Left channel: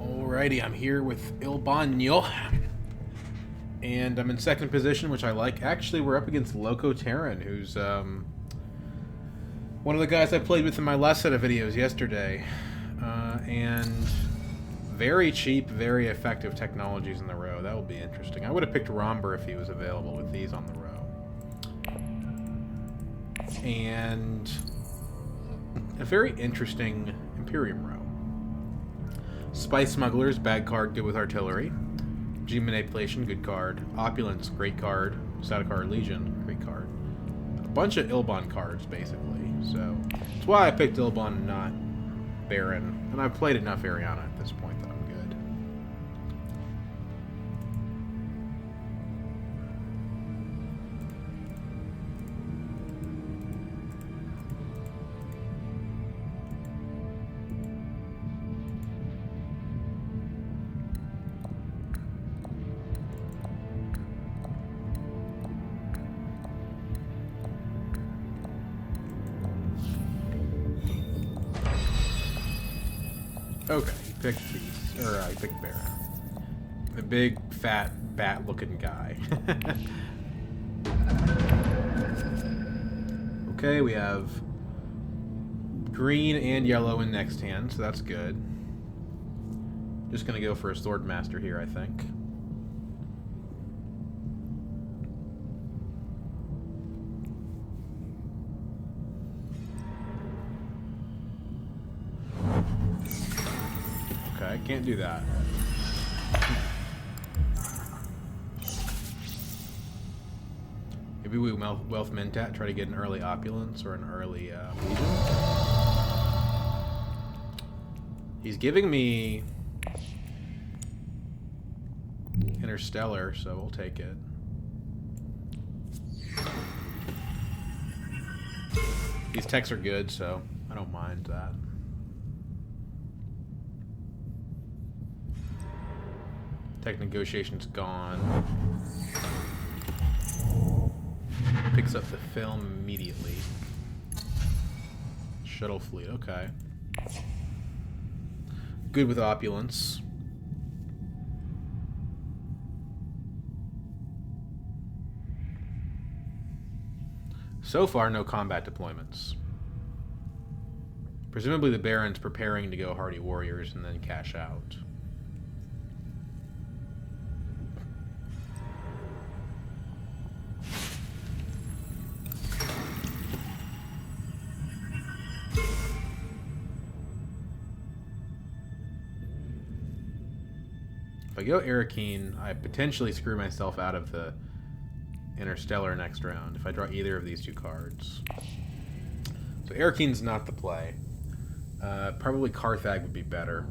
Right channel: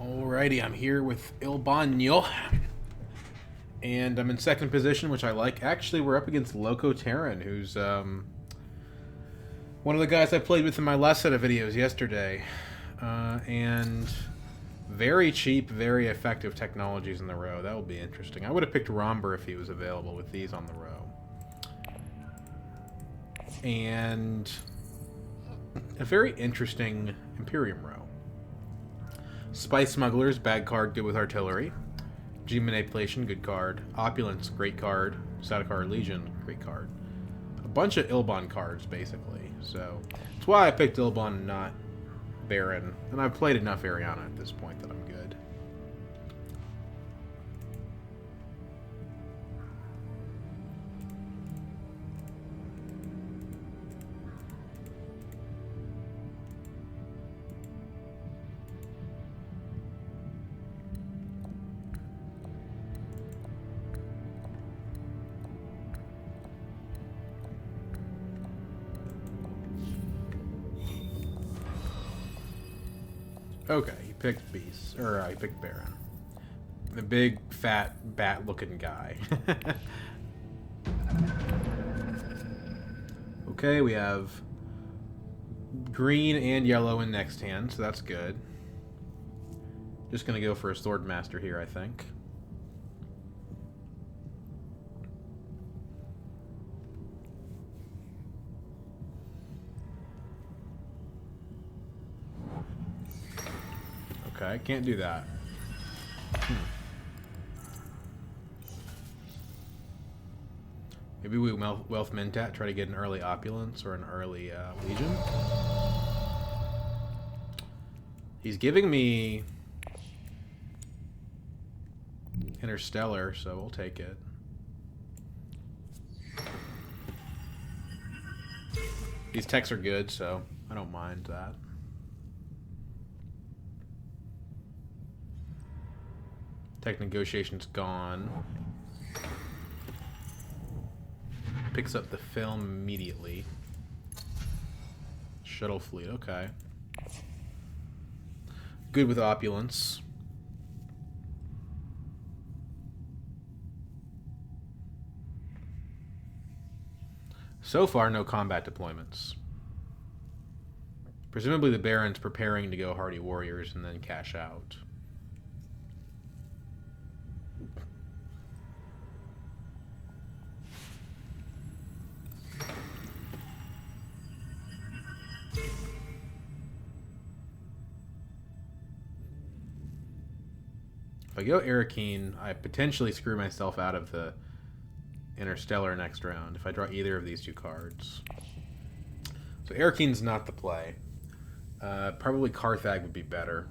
Alrighty, I'm here with Ilban, and I'm in second position, which I like. Actually, we're up against Loco Terran, who's one of the guys I played with in my last set of videos yesterday. And very cheap, very effective technologies in the row. That will be interesting. I would have picked Romber if he was available with these on the row. And a very interesting Imperium row. Spice Smugglers, bad card, good with artillery. G Manipulation, good card. Opulence, great card. Sadakar Legion, great card. A bunch of Ilban cards, basically. So, that's why I picked Ilban and not Baron. And I've played enough Ariana at this point that I'm good. Okay, he picked Beast, or he picked Baron. The big, fat, bat-looking guy. Okay, we have green and yellow in next hand, so that's good. Just gonna go for a Swordmaster here, I think. Okay, I can't do that. Maybe we Wealth Mentat, try to get an early Opulence or an early Legion. He's giving me Interstellar, so we'll take it. These techs are good, so I don't mind that. Tech Negotiation's gone. Picks up the film immediately. Shuttle Fleet, okay. Good with Opulence. So far, no combat deployments. Presumably the Baron's preparing to go Hardy Warriors and then cash out. If I go Arakeen, I potentially screw myself out of the Interstellar next round if I draw either of these two cards. So Arakeen's not the play. Probably Carthag would be better.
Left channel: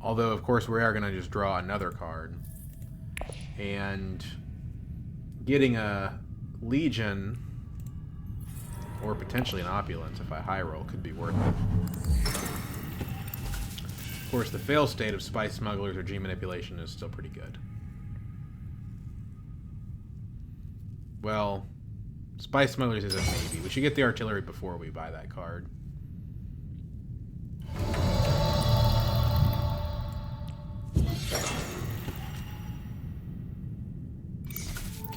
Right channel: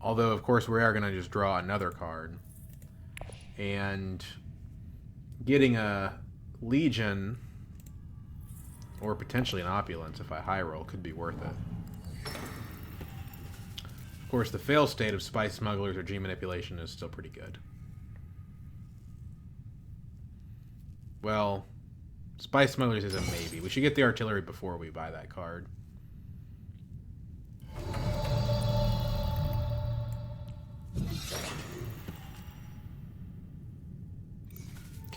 Although, of course, we are going to just draw another card. And getting a Legion, or potentially an Opulence if I high roll, could be worth it. Of course, the fail state of Spice Smugglers or G Manipulation is still pretty good. Well, Spice Smugglers is a maybe. We should get the artillery before we buy that card.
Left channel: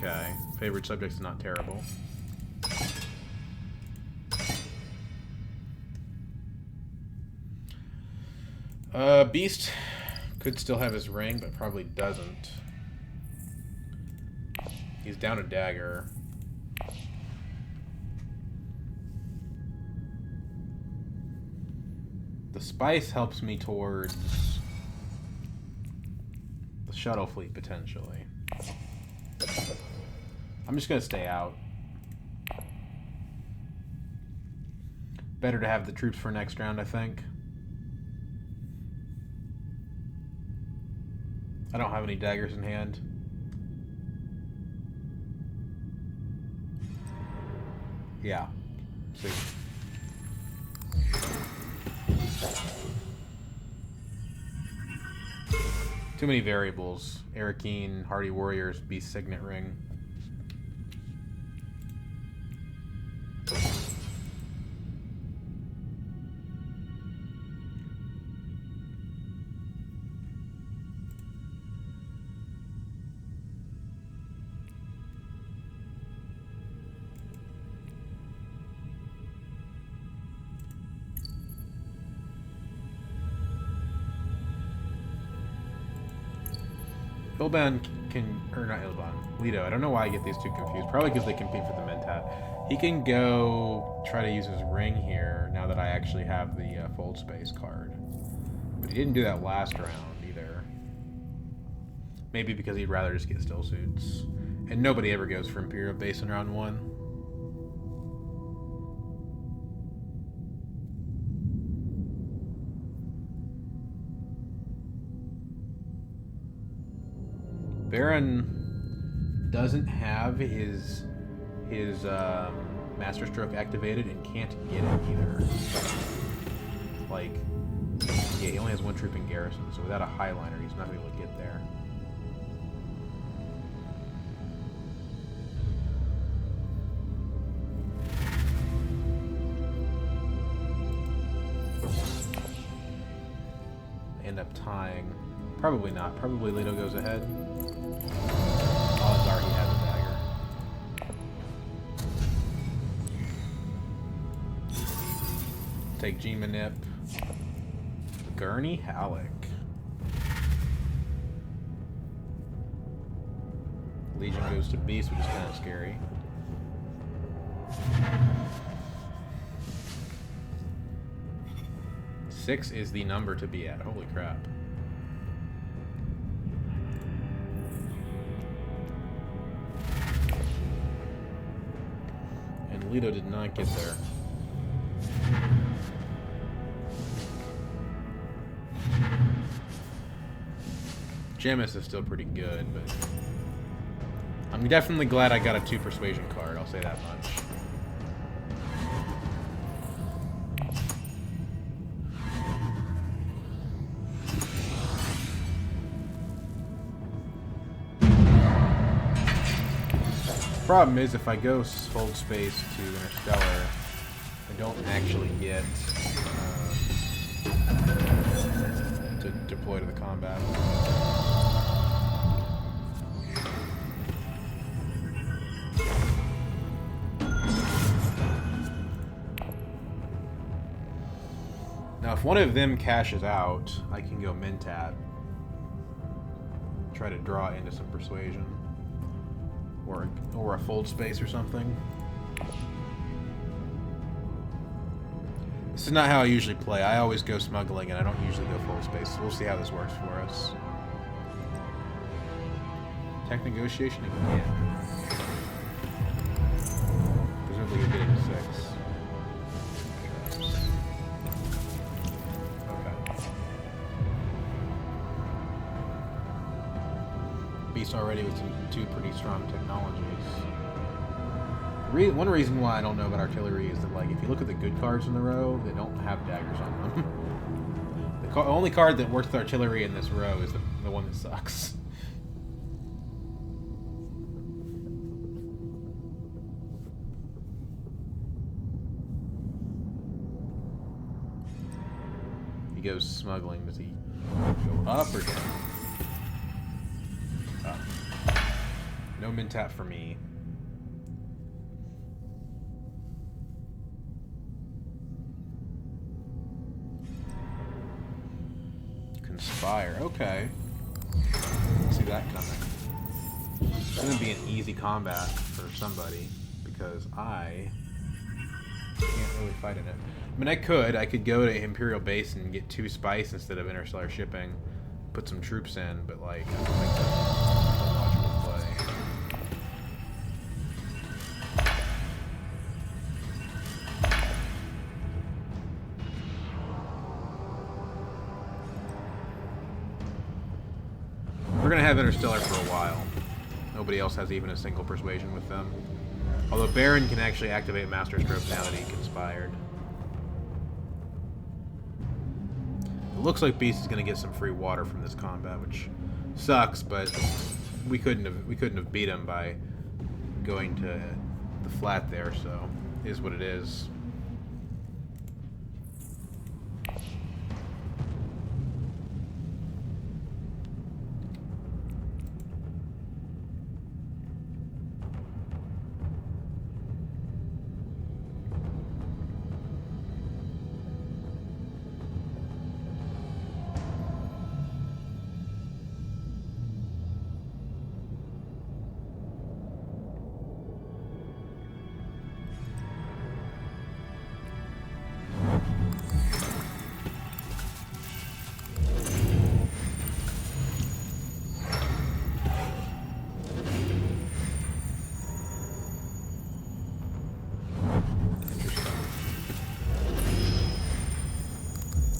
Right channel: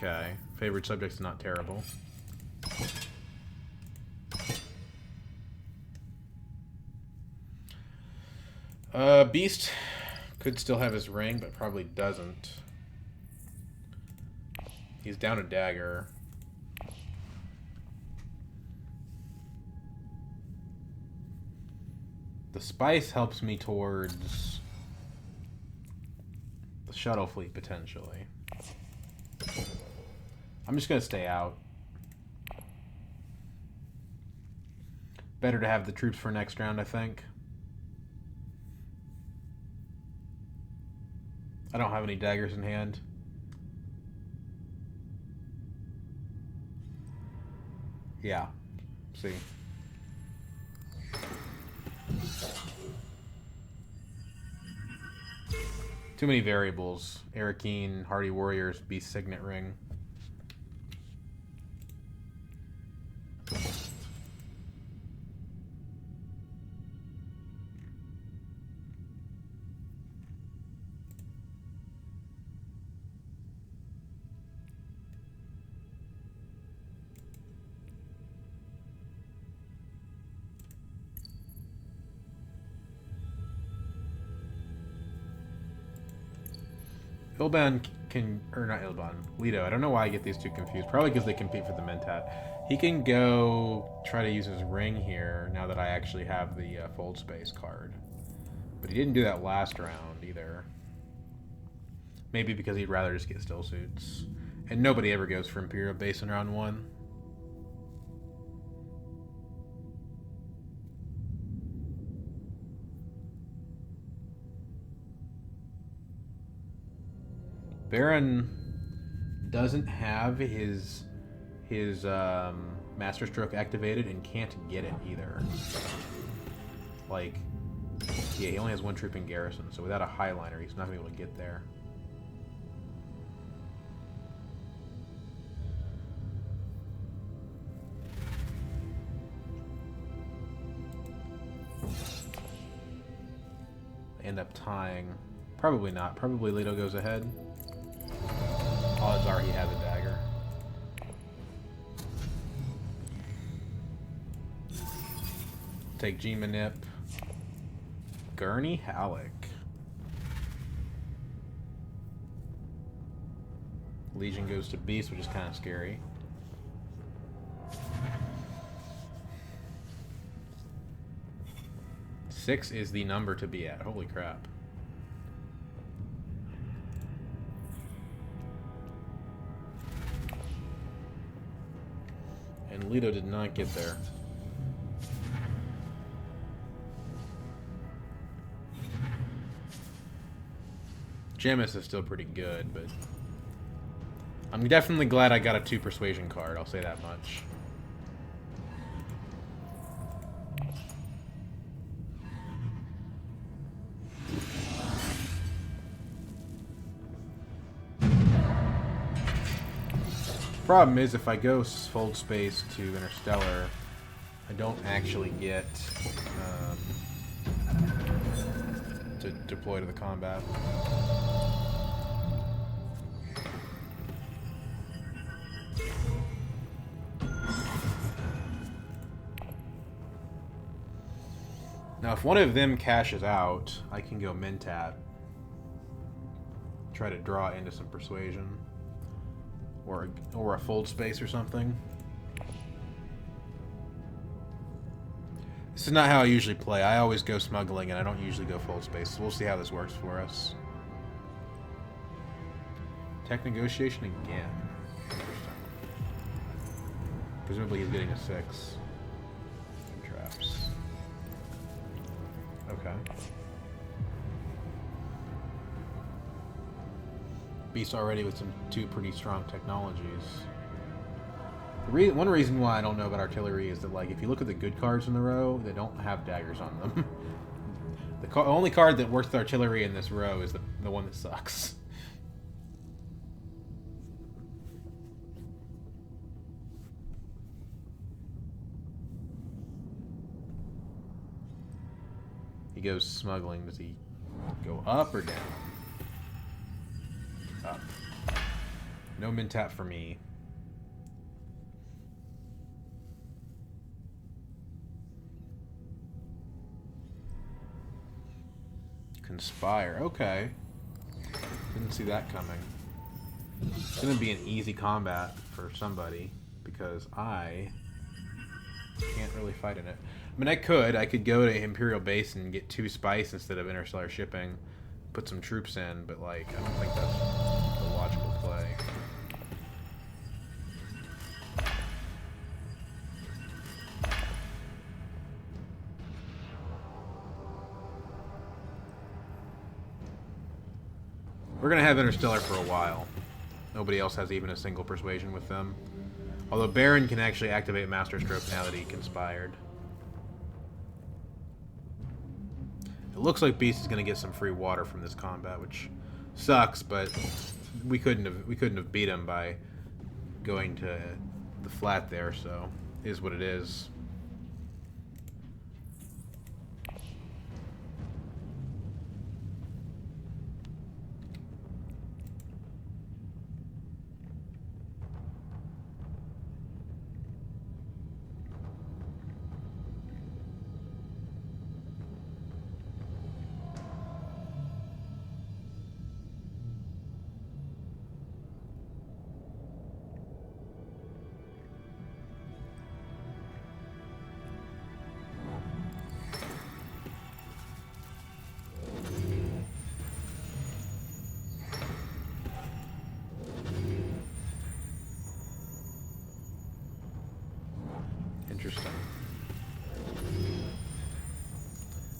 Okay, favorite subject's not terrible. Beast could still have his ring, but probably doesn't. He's down a dagger. The Spice helps me towards the Shuttle Fleet, potentially. I'm just going to stay out. Better to have the troops for next round, I think. I don't have any daggers in hand. Yeah. See. Too many variables. Arakeen, Hardy Warriors, Beast Signet Ring. Ilban can, or not Ilban, Leto. I don't know why I get these two confused. Probably because they compete for the Mentat. He can go try to use his ring here now that I actually have the Fold Space card. But he didn't do that last round either. Maybe because he'd rather just get still suits. And nobody ever goes for Imperial base in round 1. Baron doesn't have his Master Stroke activated and can't get it either. Like, yeah, he only has 1 troop in garrison, so without a Highliner, he's not going to be able to get there. End up tying. Probably not. Probably Leto goes ahead. Odds are he has a dagger. Take G-Manip. Gurney Halleck. Legion goes to Beast, which is kind of scary. Six is the number to be at. Holy crap. And Leto did not get there. Jamis is still pretty good, but I'm definitely glad I got a 2 persuasion card, I'll say that much. Problem is, if I go Fold Space to Interstellar, I don't actually get to deploy to the combat. Now, if one of them cashes out, I can go Mentat. Try to draw into some persuasion. Or a Fold Space or something. This is not how I usually play. I always go smuggling and I don't usually go Fold Space. So we'll see how this works for us. Tech negotiation again. Presumably he's getting a 6. Traps. Okay. Beast already with 2 pretty strong technologies. One reason why I don't know about artillery is that, like, if you look at the good cards in the row, they don't have daggers on them. The only card that works with artillery in this row is the one that sucks. He goes smuggling. Does he go up or down? Up. No Mentat for me. Conspire. Okay. Didn't see that coming. It's gonna be an easy combat for somebody because I can't really fight in it. I mean, I could go to Imperial base and get 2 spice instead of interstellar shipping, put some troops in, but like I don't think that's a logical play. We're gonna have Interstellar for a while. Nobody else has even a single persuasion with them. Although Baron can actually activate Master Stroke now that he conspired. It looks like Beast is gonna get some free water from this combat, which Sucks, but we couldn't have beat him by going to the flat there, so is what it is.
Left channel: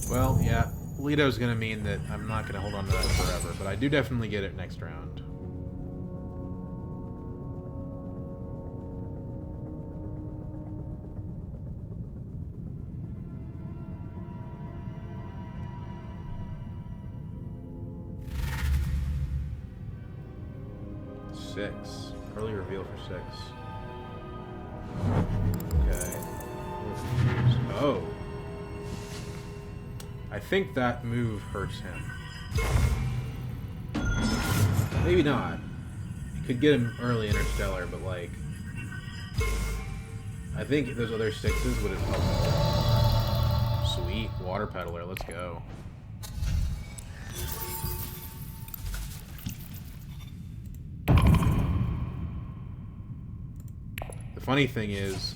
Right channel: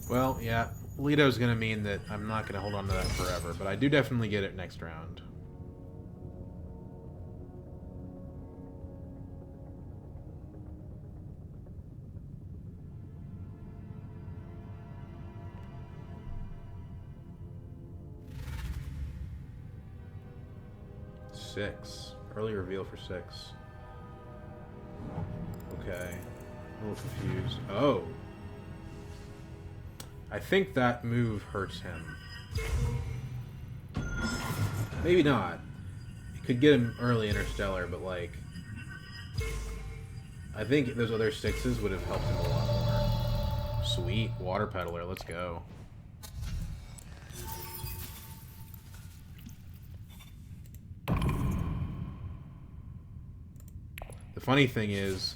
Well, yeah, Lito's going to mean that I'm not going to hold on to that forever, but I do definitely get it next round. Six. Early reveal for 6. Okay. A little confused. Oh. I think that move hurts him. Maybe not. It could get him early Interstellar, but like... I think those other 6s would have helped him a lot more. Sweet. Water Peddler, let's go. The funny thing is,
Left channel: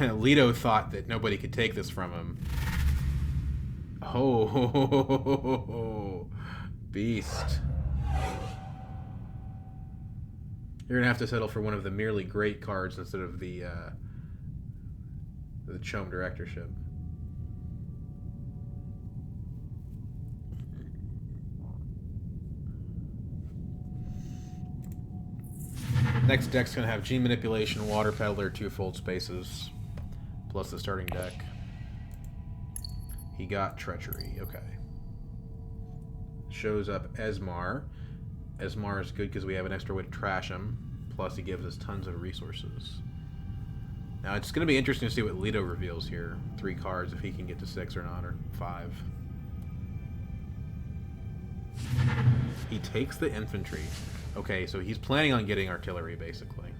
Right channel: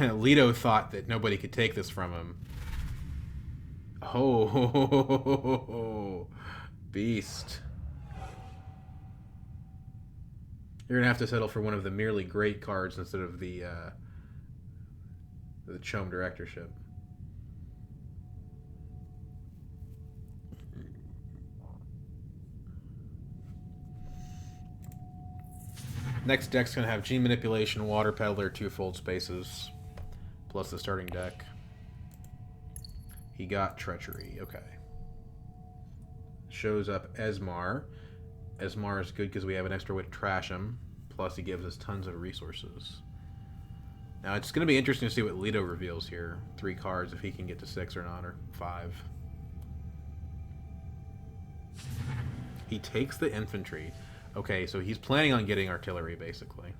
Leto thought that nobody could take this from him. Oh, beast. You're going to have to settle for one of the merely great cards instead of the Chome Directorship. Next deck's going to have Gene Manipulation, Water Peddler, 2 Fold Spaces, plus the starting deck. He got Treachery, okay. Shows up Esmar. Esmar is good because we have an extra way to trash him, plus he gives us tons of resources. Now it's going to be interesting to see what Leto reveals here. 3 cards, if he can get to 6 or not, or 5. He takes the infantry. Okay, so he's planning on getting artillery, basically.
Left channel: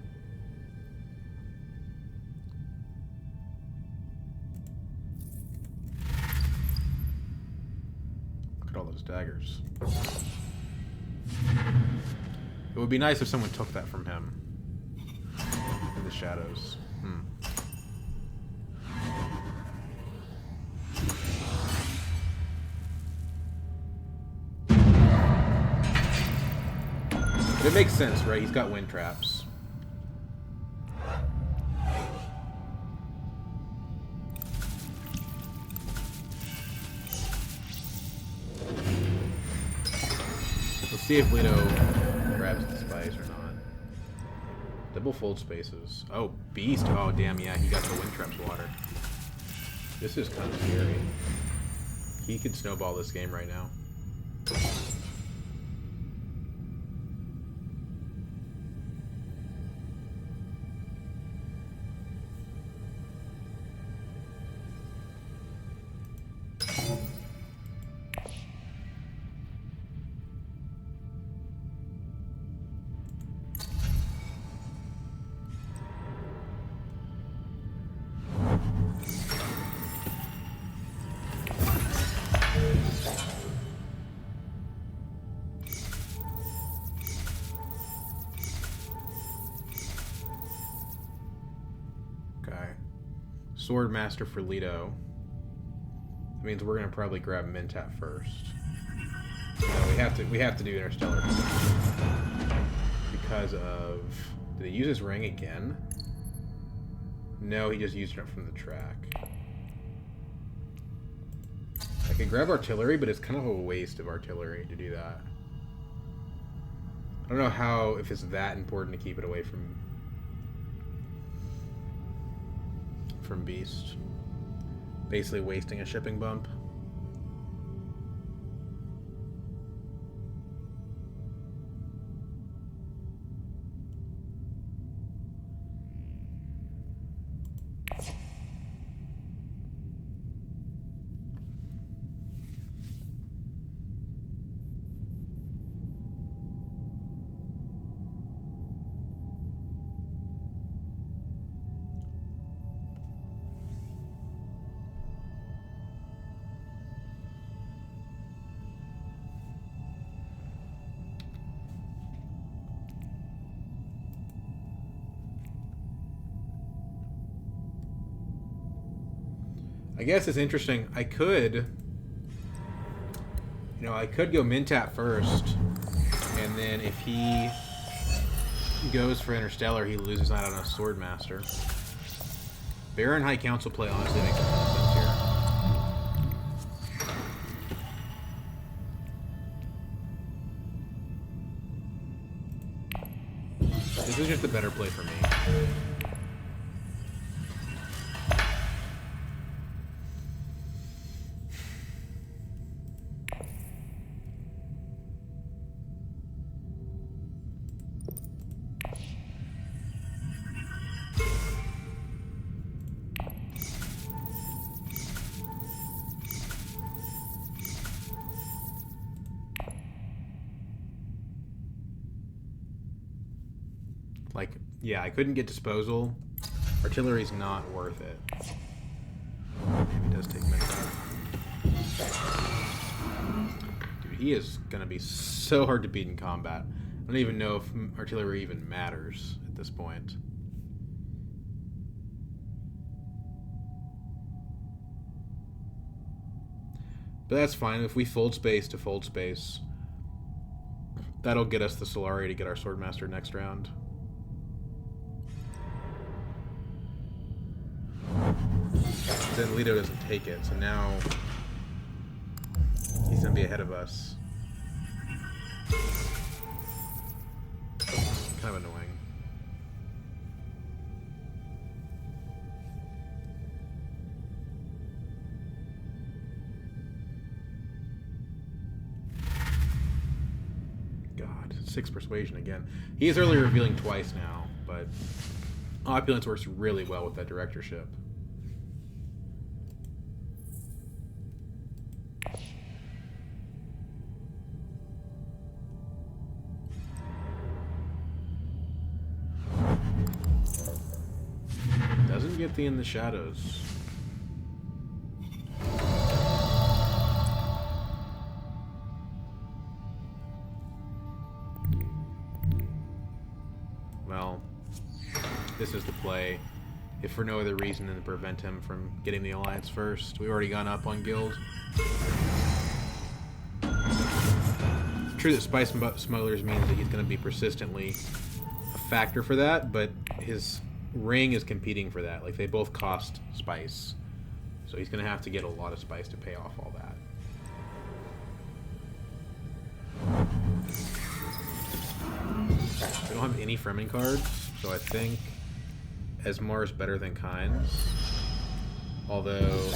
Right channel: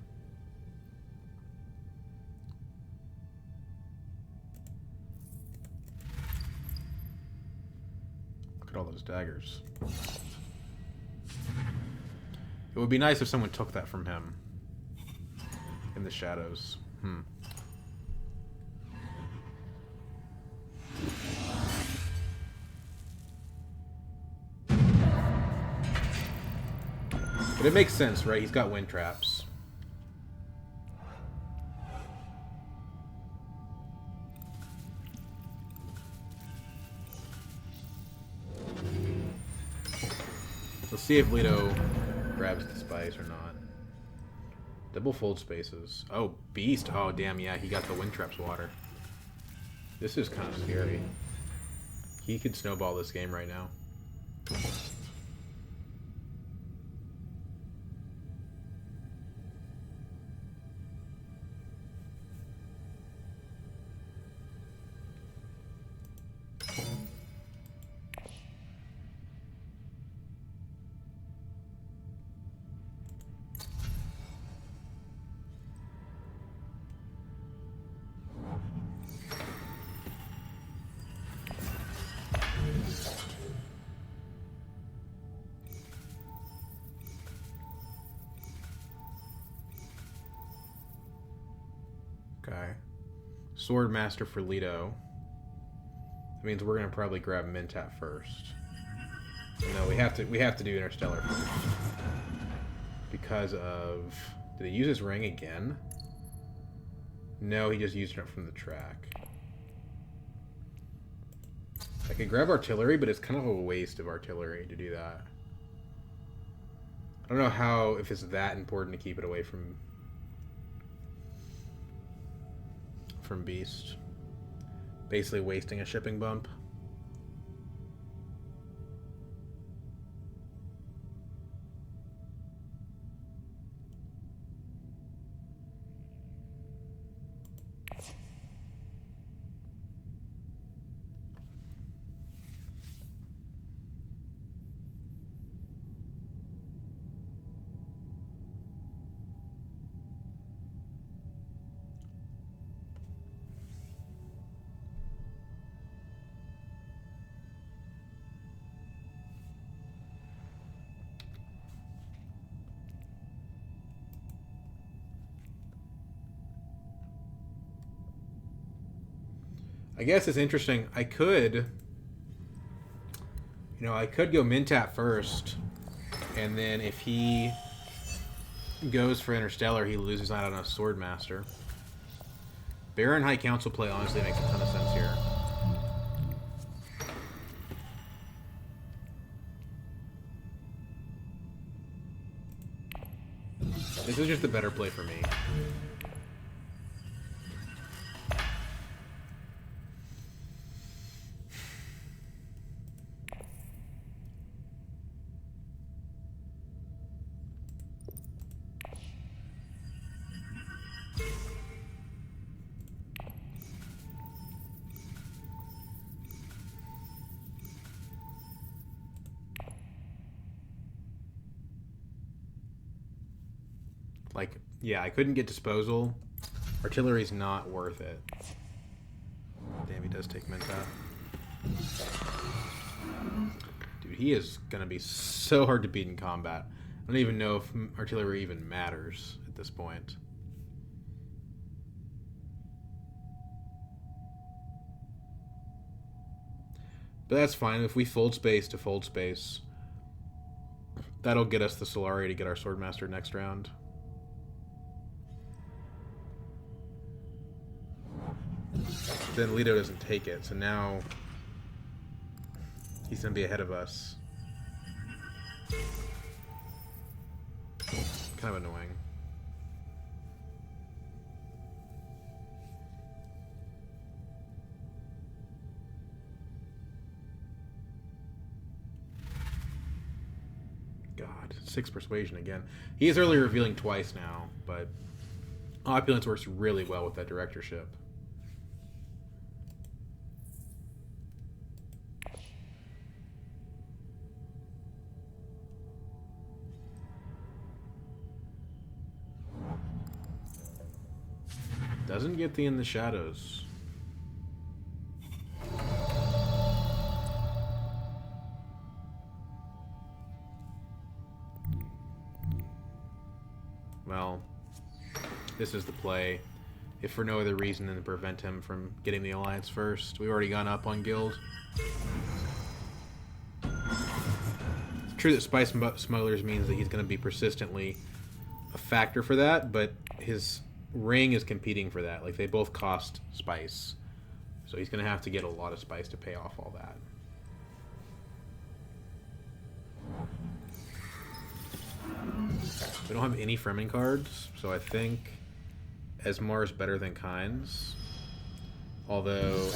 Look at all those daggers. It would be nice if someone took that from him. In the shadows. But it makes sense, right? He's got wind traps. Let's see if Leto grabs the spice or not. Double Fold Spaces. Oh, beast. Oh, damn, yeah, he got the wind traps water. This is kind of scary. He could snowball this game right now. Okay. Sword Master for Leto. That means we're gonna probably grab Mentat first. No, we have to do Interstellar first. Because of... Did he use his ring again? No, he just used it from the track. I could grab artillery, but it's kind of a waste of artillery to do that. I don't know how, if it's that important to keep it away from Beast. Basically wasting a shipping bump. I guess it's interesting. I could go Mintap first, and then if he goes for Interstellar, he loses out on a Swordmaster. Baron High Council play honestly makes a ton of sense here. This is just a better play for me. Like, yeah, I couldn't get disposal. Artillery's not worth it. Damn, he does take Mentat. Dude, he is gonna be so hard to beat in combat. I don't even know if artillery even matters at this point. But that's fine. If we fold space to fold space, that'll get us the Solari to get our Swordmaster next round. Then Leto doesn't take it, so now he's going to be ahead of us. Kind of annoying. God, 6 persuasion again. He is early revealing twice now, but Opulence works really well with that directorship. Doesn't get the In the Shadows. Well, this is the play. If for no other reason than to prevent him from getting the Alliance first. We've already gone up on Guild. It's true that Spice Smugglers means that he's going to be persistently a factor for that, but his Ring is competing for that. Like, they both cost spice. So he's going to have to get a lot of spice to pay off all that. We don't have any Fremen cards, so I think Esmar is better than Kynes. Although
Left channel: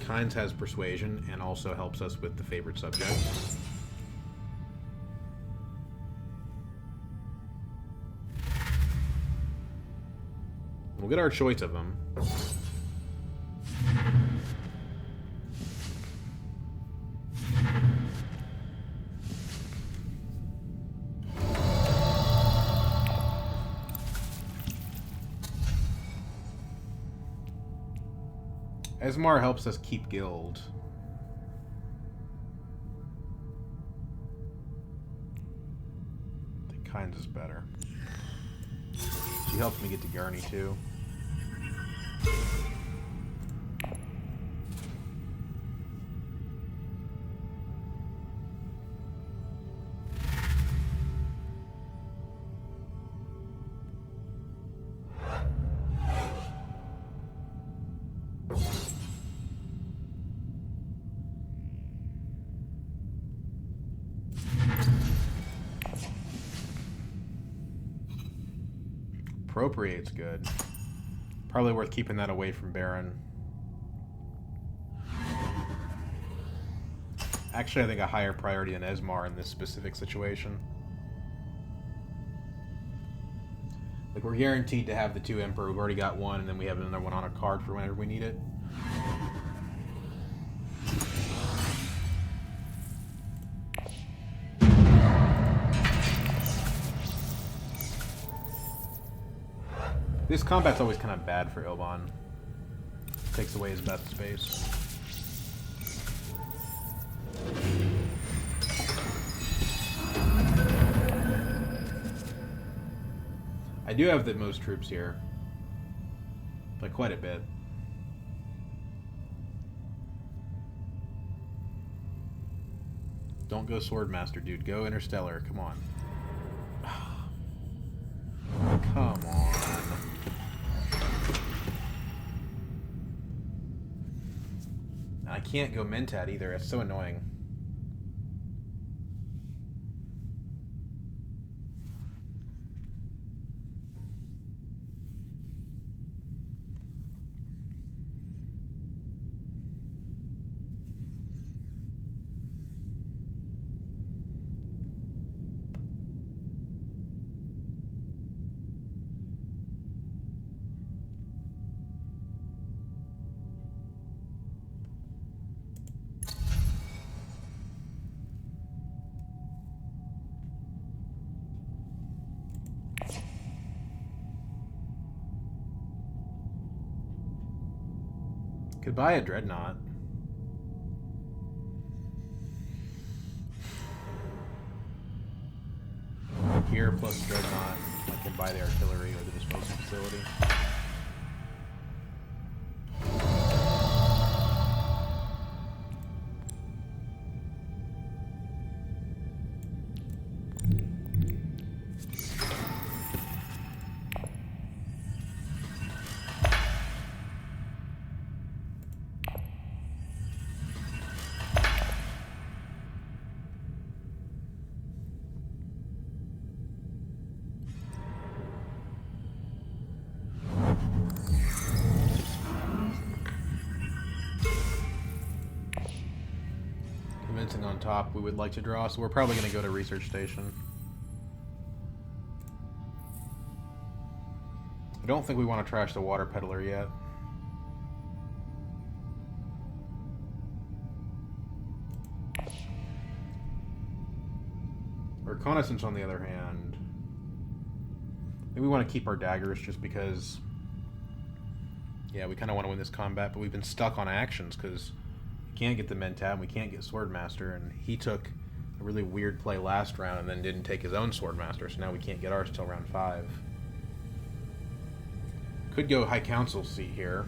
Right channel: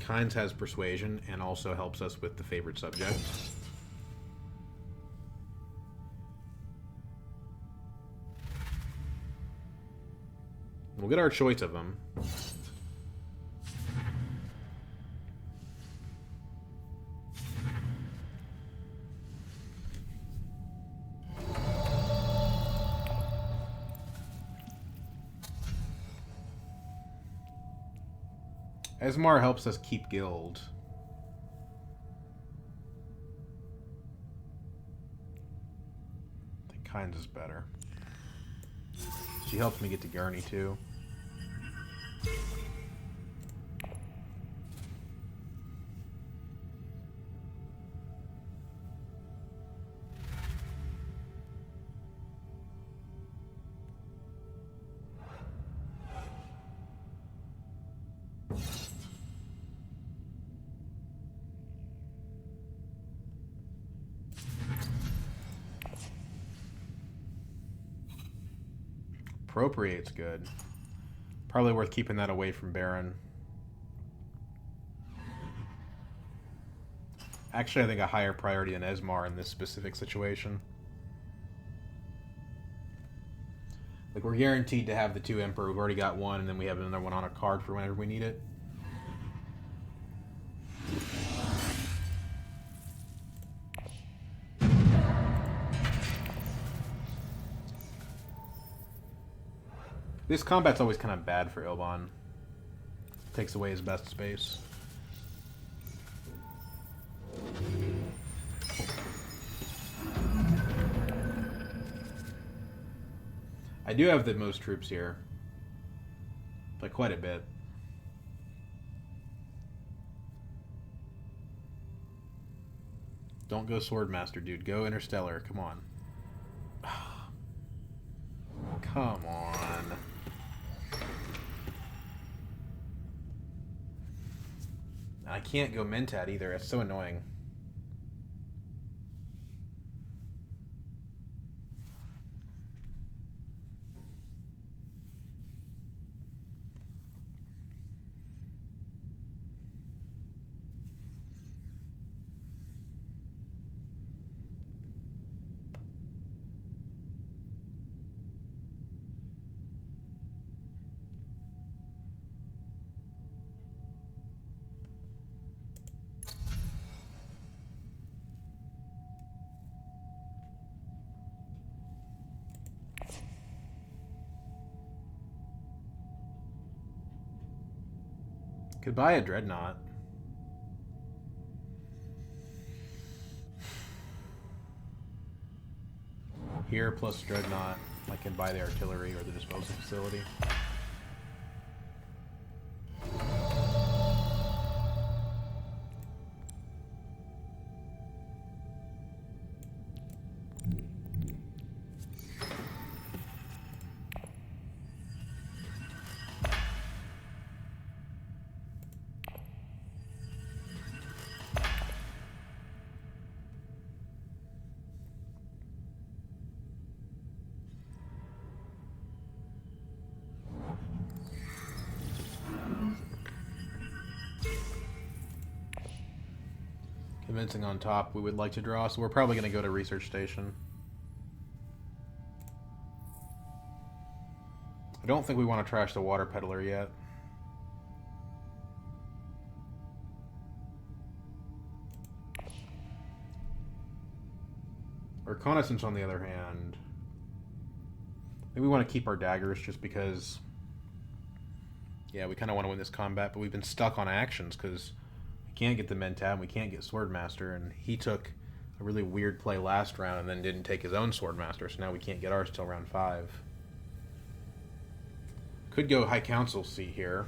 Kynes has Persuasion and also helps us with the favorite subject. We'll get our choice of them. Esmar helps us keep Guild. I think Kynes is better. She helps me get to Gurney too. Appropriate's good. Probably worth keeping that away from Baron. Actually, I think a higher priority than Esmar in this specific situation. Like, we're guaranteed to have the 2 Emperor. We've already got one, and then we have another one on a card for whenever we need it. This combat's always kind of bad for Ilban. Takes away his best space. I do have the most troops here. By quite a bit. Don't go Swordmaster, dude. Go Interstellar. Come on. Come on. I can't go Mentat either. It's so annoying. Could buy a Dreadnought. Here plus Dreadnought. I can buy the artillery or the disposal facility. Convincing on top we would like to draw, so we're probably going to go to Research Station. I don't think we want to trash the Water Peddler yet. Reconnaissance, on the other hand, maybe we want to keep our daggers just because, yeah, we kind of want to win this combat, but we've been stuck on actions because we can't get the Mentat and we can't get Swordmaster, and he took a really weird play last round and then didn't take his own Swordmaster, so now we can't get ours till round 5. Could go High Council seat here.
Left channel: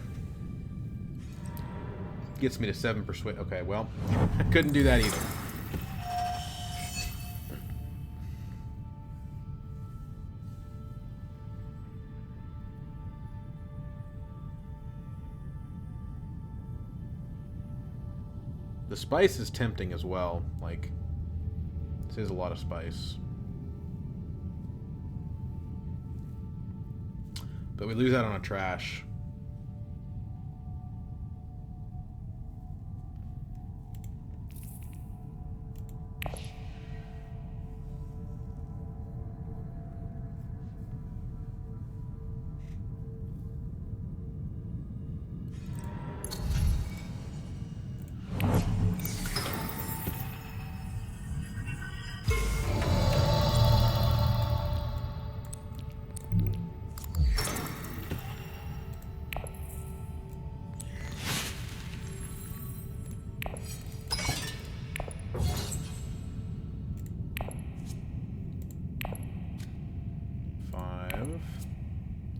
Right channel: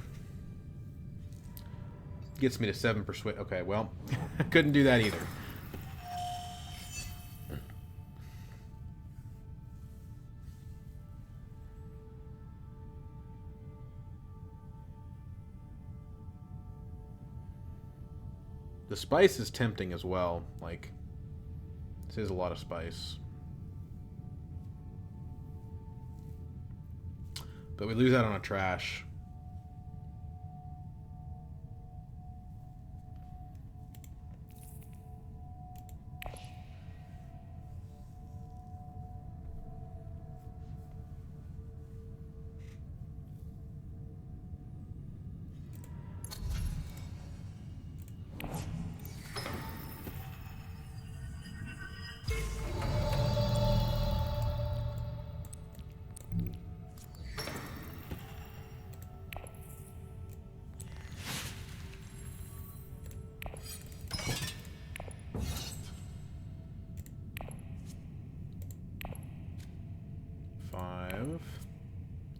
Gets me to 7 persuade. Okay, well, I couldn't do that either. The spice is tempting as well. Like, this is a lot of spice. But we lose out on a trash.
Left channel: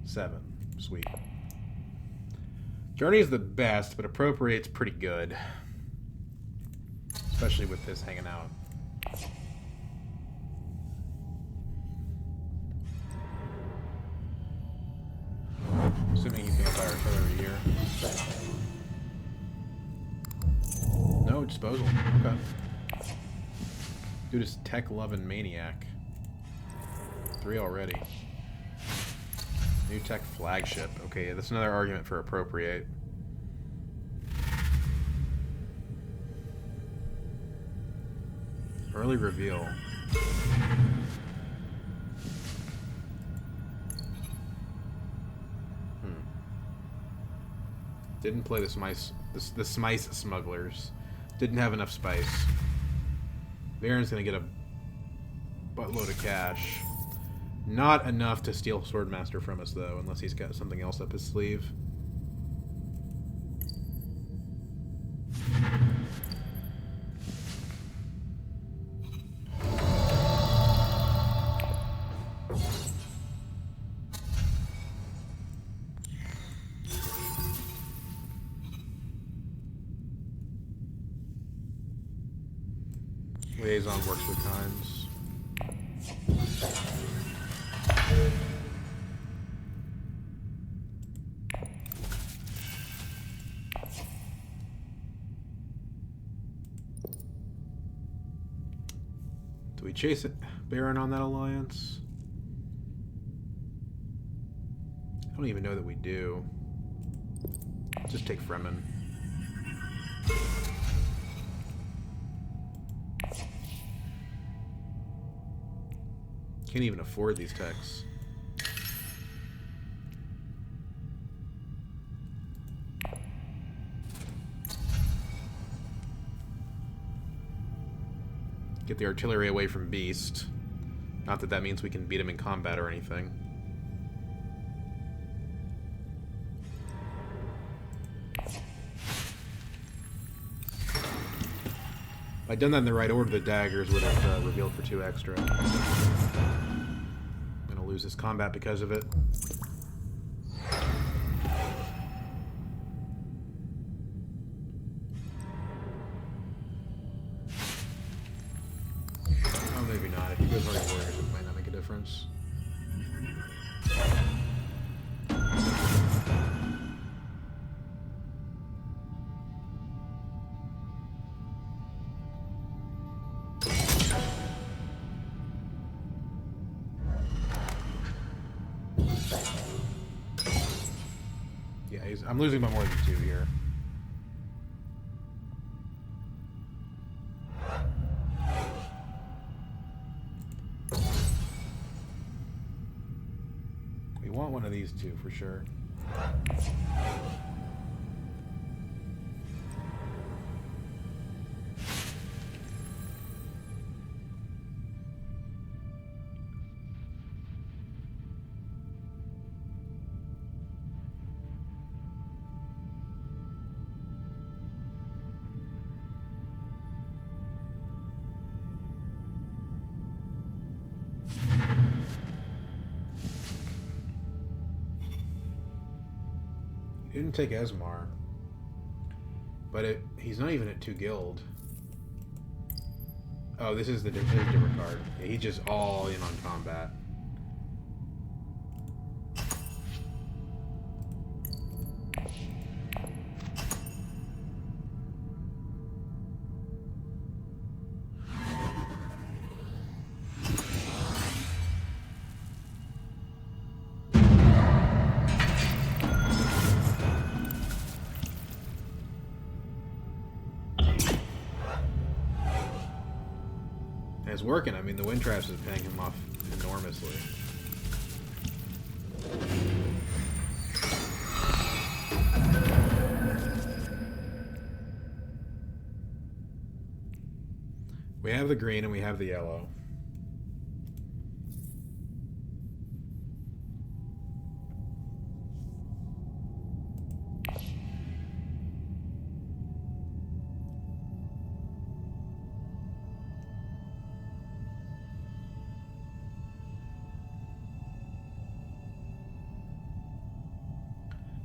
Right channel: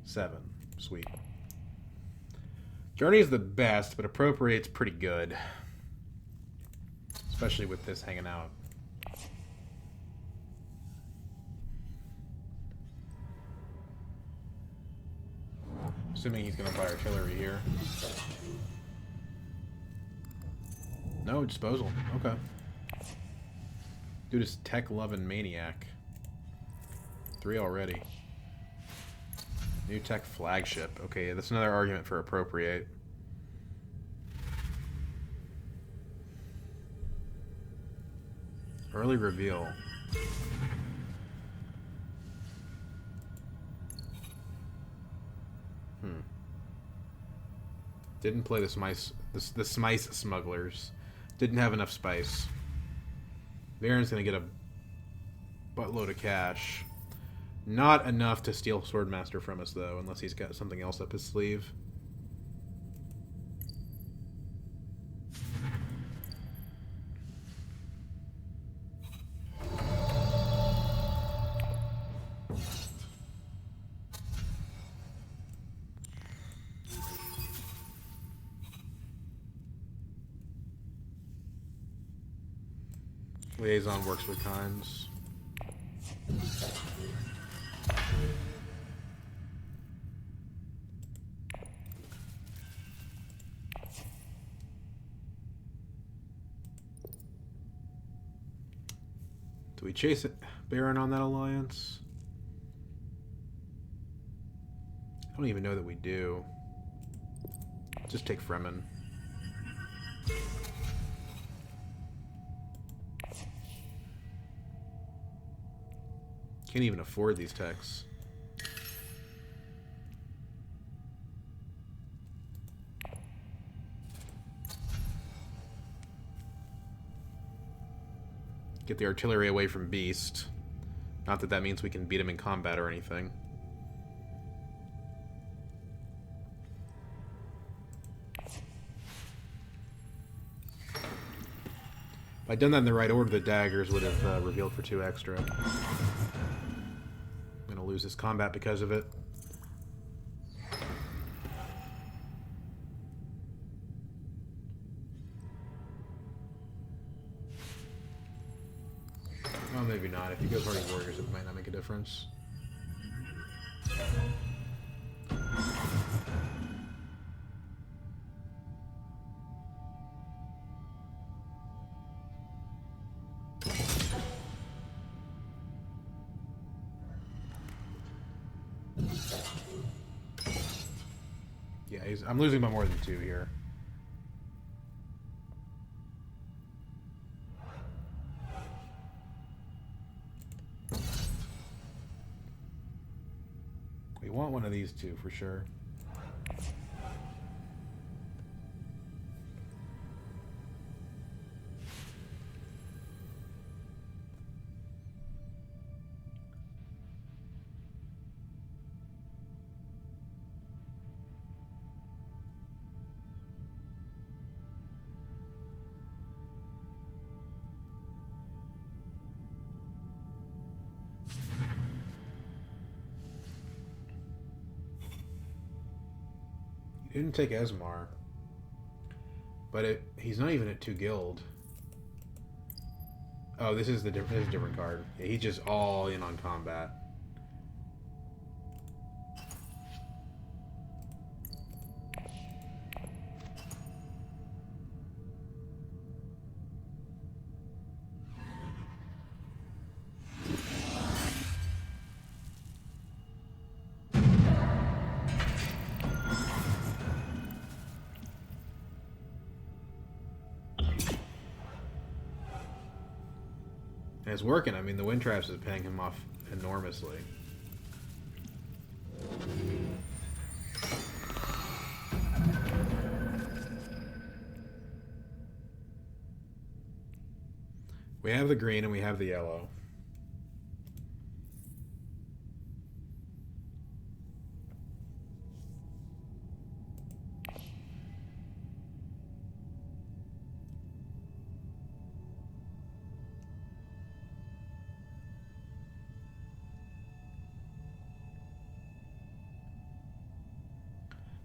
Seven. Sweet. Journey is the best, but Appropriate's pretty good. Especially with this hanging out. Assuming he's going to buy artillery here. No, disposal. Okay. Dude is tech-loving maniac. 3 already. New tech flagship. Okay, that's another argument for Appropriate. Early reveal. Didn't play the Smice Smugglers. Didn't have enough spice. Baron's gonna get a buttload of cash. Not enough to steal Swordmaster from us, though, unless he's got something else up his sleeve. Liaison works with times. Do we chase it, Baron on that alliance? I don't even know that we do. Just take Fremen. Can't even afford these techs. Get the artillery away from Beast. Not that that means we can beat him in combat or anything. If I'd done that in the right order, the daggers would have revealed for 2 extra. I'm gonna lose this combat because of it. Oh, maybe not. If he goes Hardy Warriors, it might not make a difference. Yeah, I'm losing by more than 2 here. We want one of these 2 for sure. He didn't take Esmar. But he's not even at 2 guild. Oh, this is a different card. Yeah, he's just all in on combat. It's working. I mean, the wind traps is paying him off enormously. We have the green and we have the yellow.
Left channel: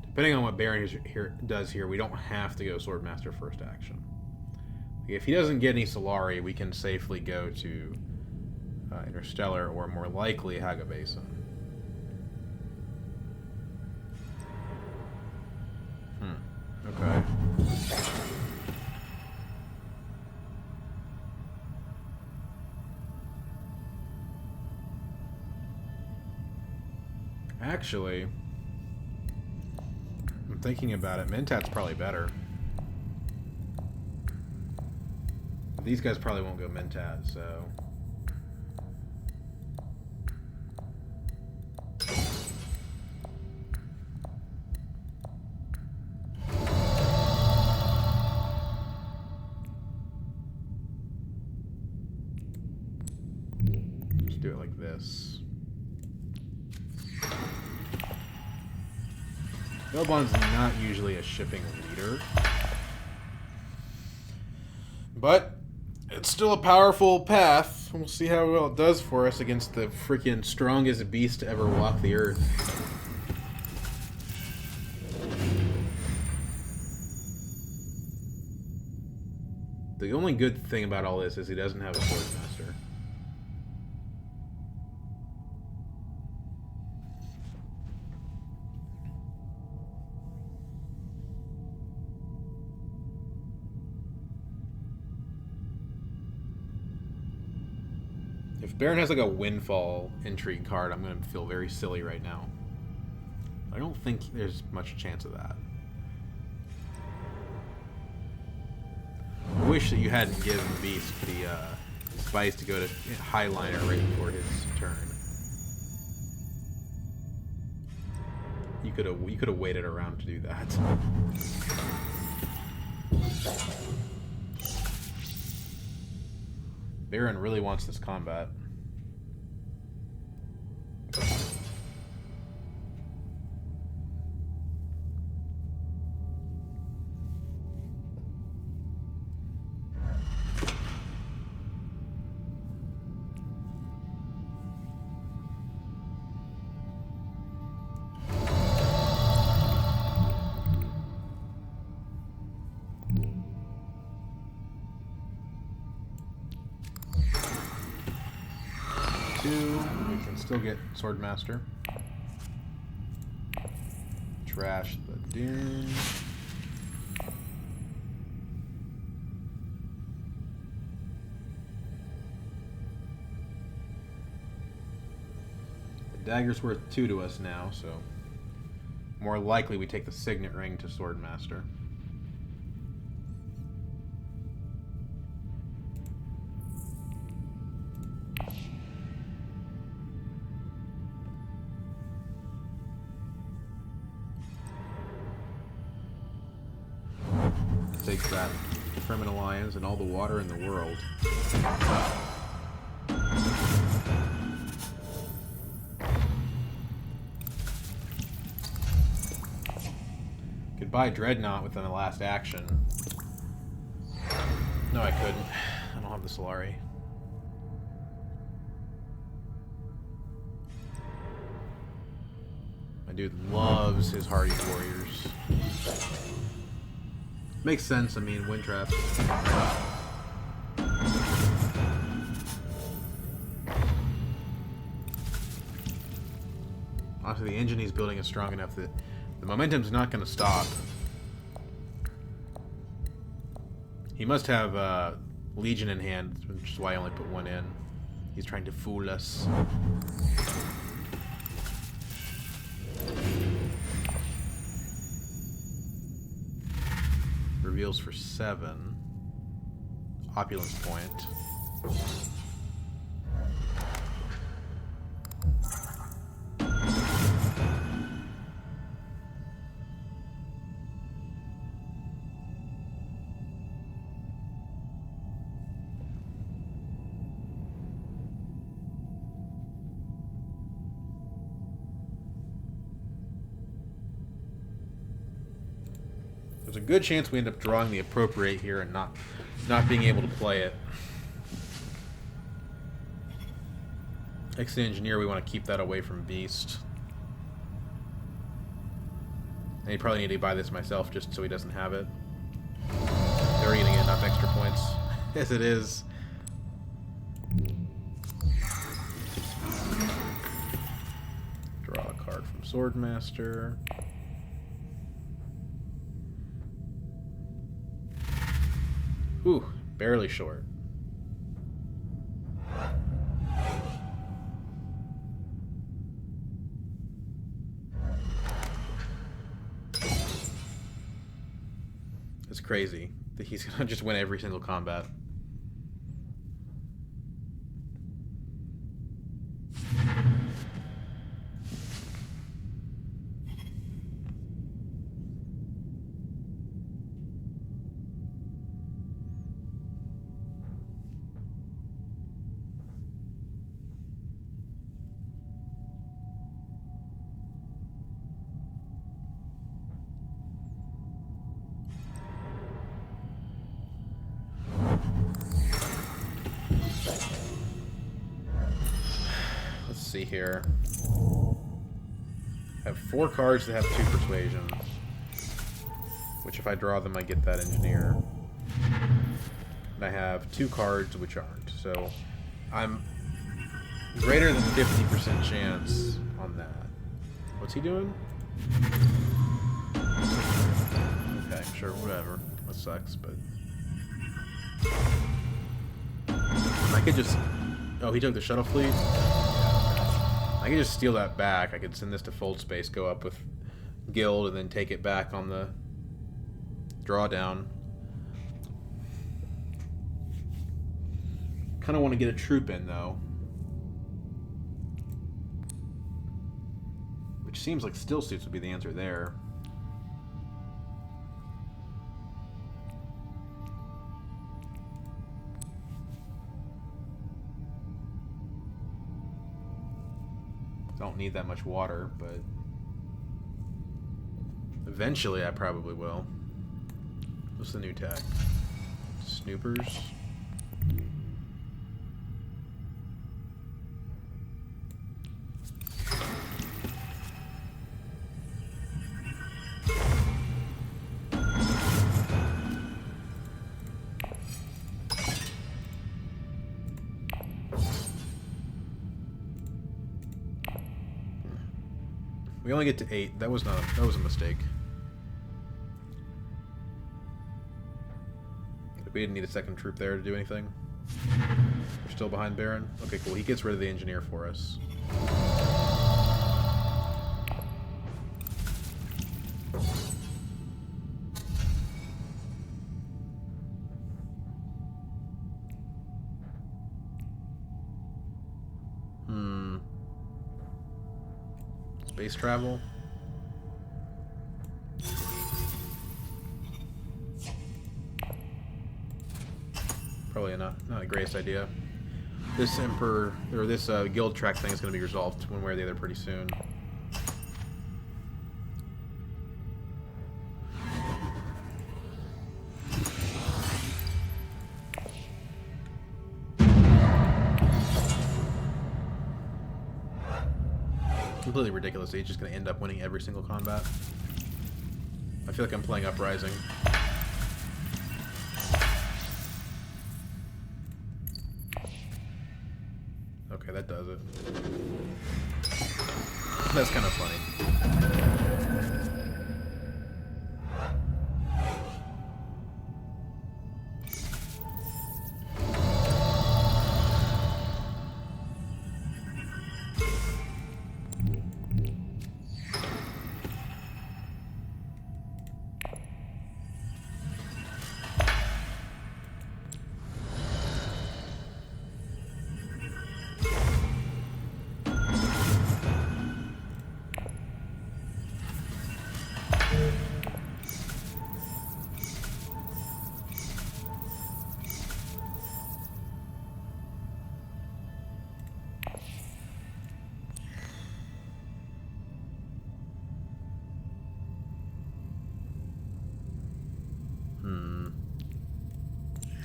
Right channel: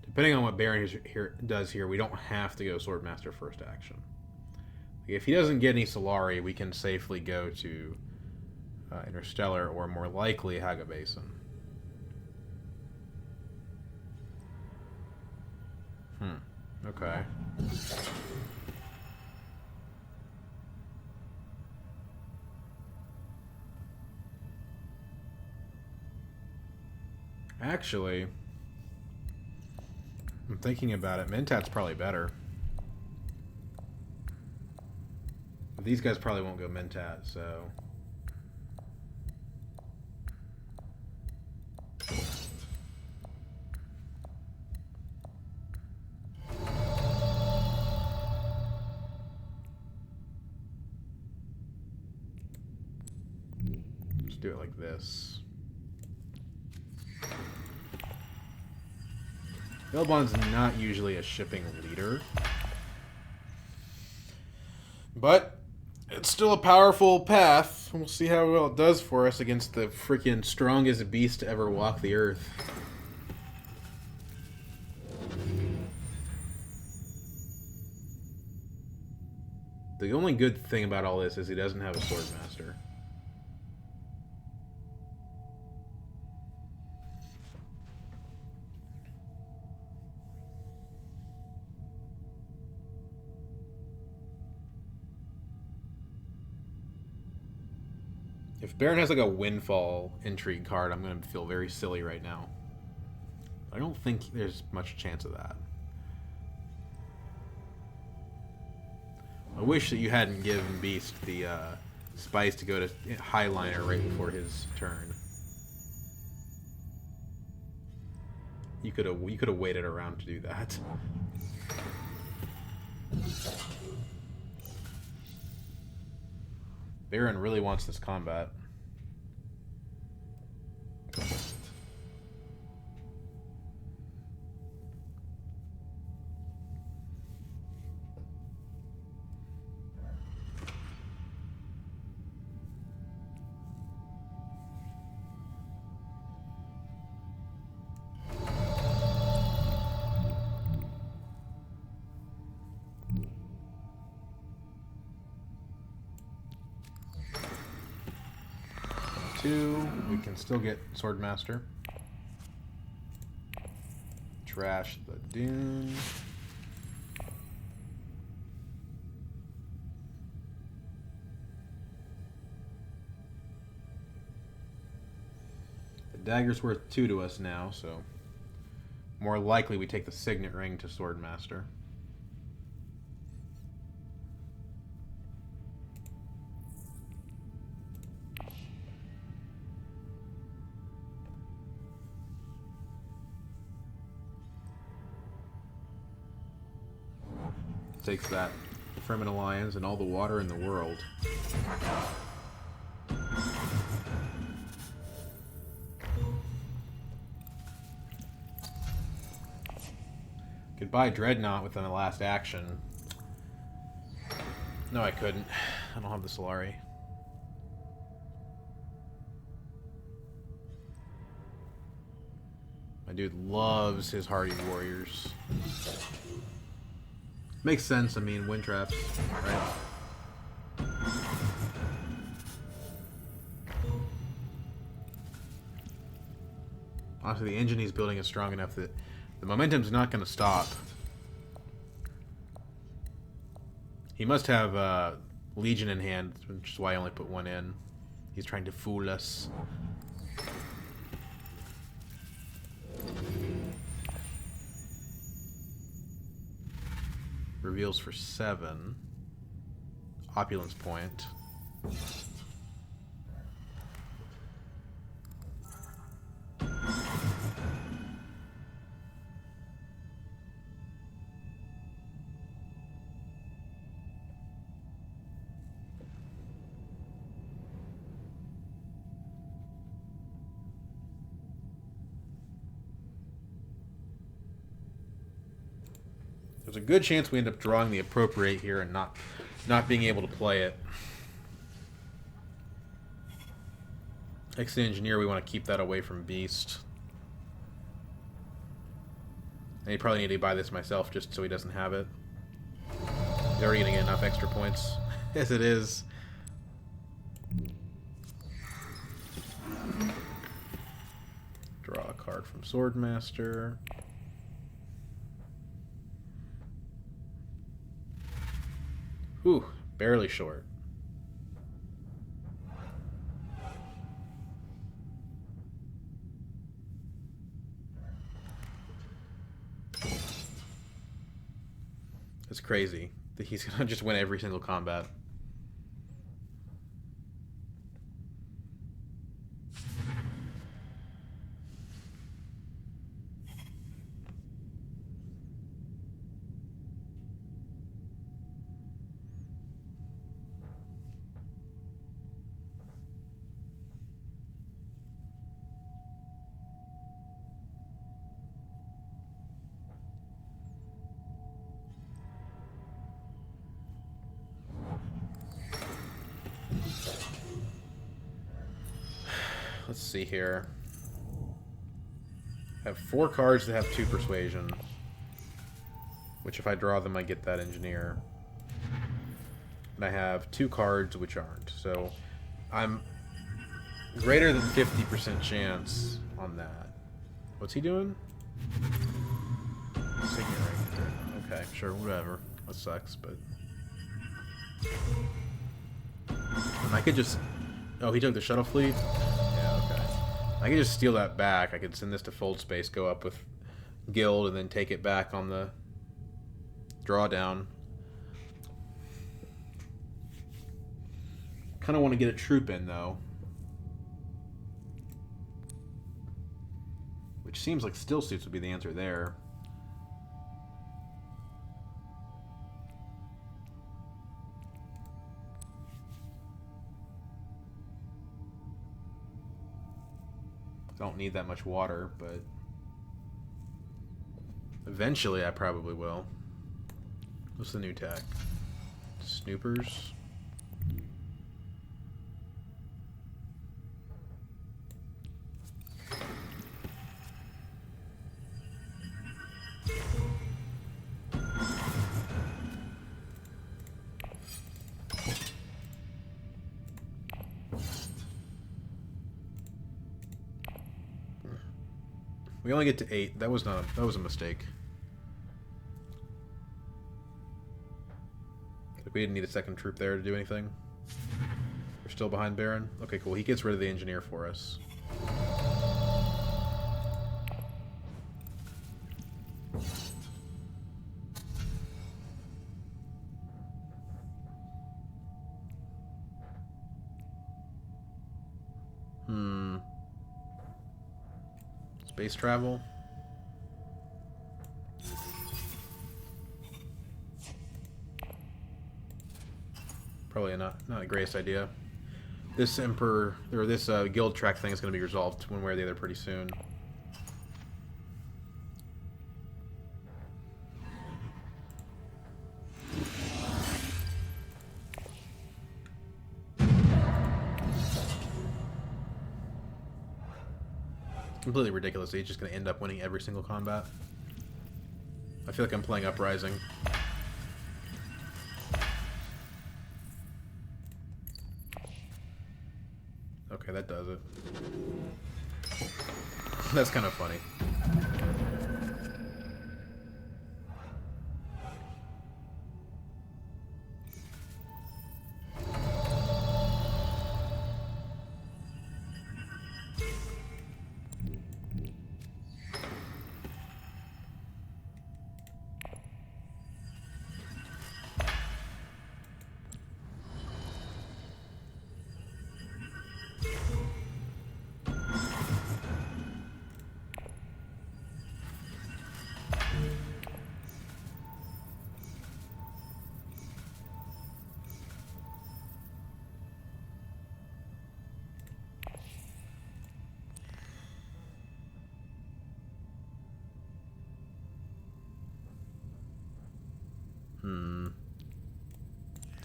Depending on what Baron does here, we don't have to go Swordmaster first action. If he doesn't get any Solari, we can safely go to Interstellar, or more likely Haga Basin. Okay. Actually, I'm thinking about it. Mentat's probably better. These guys probably won't go Mentat, so... Let's do it like this. Ilban's not usually a shipping leader. But it's still a powerful path. We'll see how well it does for us against the freaking strongest beast to ever walk the earth. The only good thing about all this is he doesn't have a Swordmaster. If Baron has like a Windfall Intrigue card, I'm going to feel very silly right now. I don't think there's much chance of that. I wish that you hadn't given Beast the spice to go to Highliner right before his turn. You could have waited around to do that. Baron really wants this combat. We can still get Swordmaster. Trash the Dune. The dagger's worth 2 to us now, so more likely we take the Signet Ring to Swordmaster. Takes that Fremen Alliance and all the water in the world. Could buy Dreadnought within the last action. No, I couldn't. I don't have the Solari. My dude loves his Hardy Warriors. Makes sense, I mean, wind traps, right? Honestly, the engine he's building is strong enough that the momentum's not going to stop. He must have Legion in hand, which is why I only put 1 in. He's trying to fool us. Reveals for 7. Opulence point. There's a good chance we end up drawing the Appropriate here and not being able to play it. Exit Engineer, we want to keep that away from Beast. And you probably need to buy this myself just so he doesn't have it. He's already getting enough extra points as it is. Draw a card from Swordmaster. Ooh, barely short. It's crazy that he's gonna just win every single combat. Let's see here. I have 4 cards that have 2 persuasion. Which if I draw them I get that engineer. And I have 2 cards which aren't. So I'm greater than 50% chance on that. What's he doing? Signaling. Okay, sure, whatever. That sucks, but... I could just... Oh, he took the shuttle fleet? Yeah, okay. I could just steal that back. I could send this to Fold Space, go up with Guild, and then take it back on the drawdown. Kind of want to get a troop in, though. Which seems like still suits would be the answer there. Don't need that much water, but eventually I probably will. What's the new tech? Snoopers? We only get to 8. That was a mistake. We didn't need a second troop there to do anything. We're still behind Baron. Okay, cool. He gets rid of the engineer for us. Space travel. Probably not the greatest idea. This Emperor or this guild track thing is going to be resolved one way or the other pretty soon. Completely ridiculous. He's just going to end up winning every single combat. I feel like I'm playing Uprising. Okay, that does it. That's kind of funny.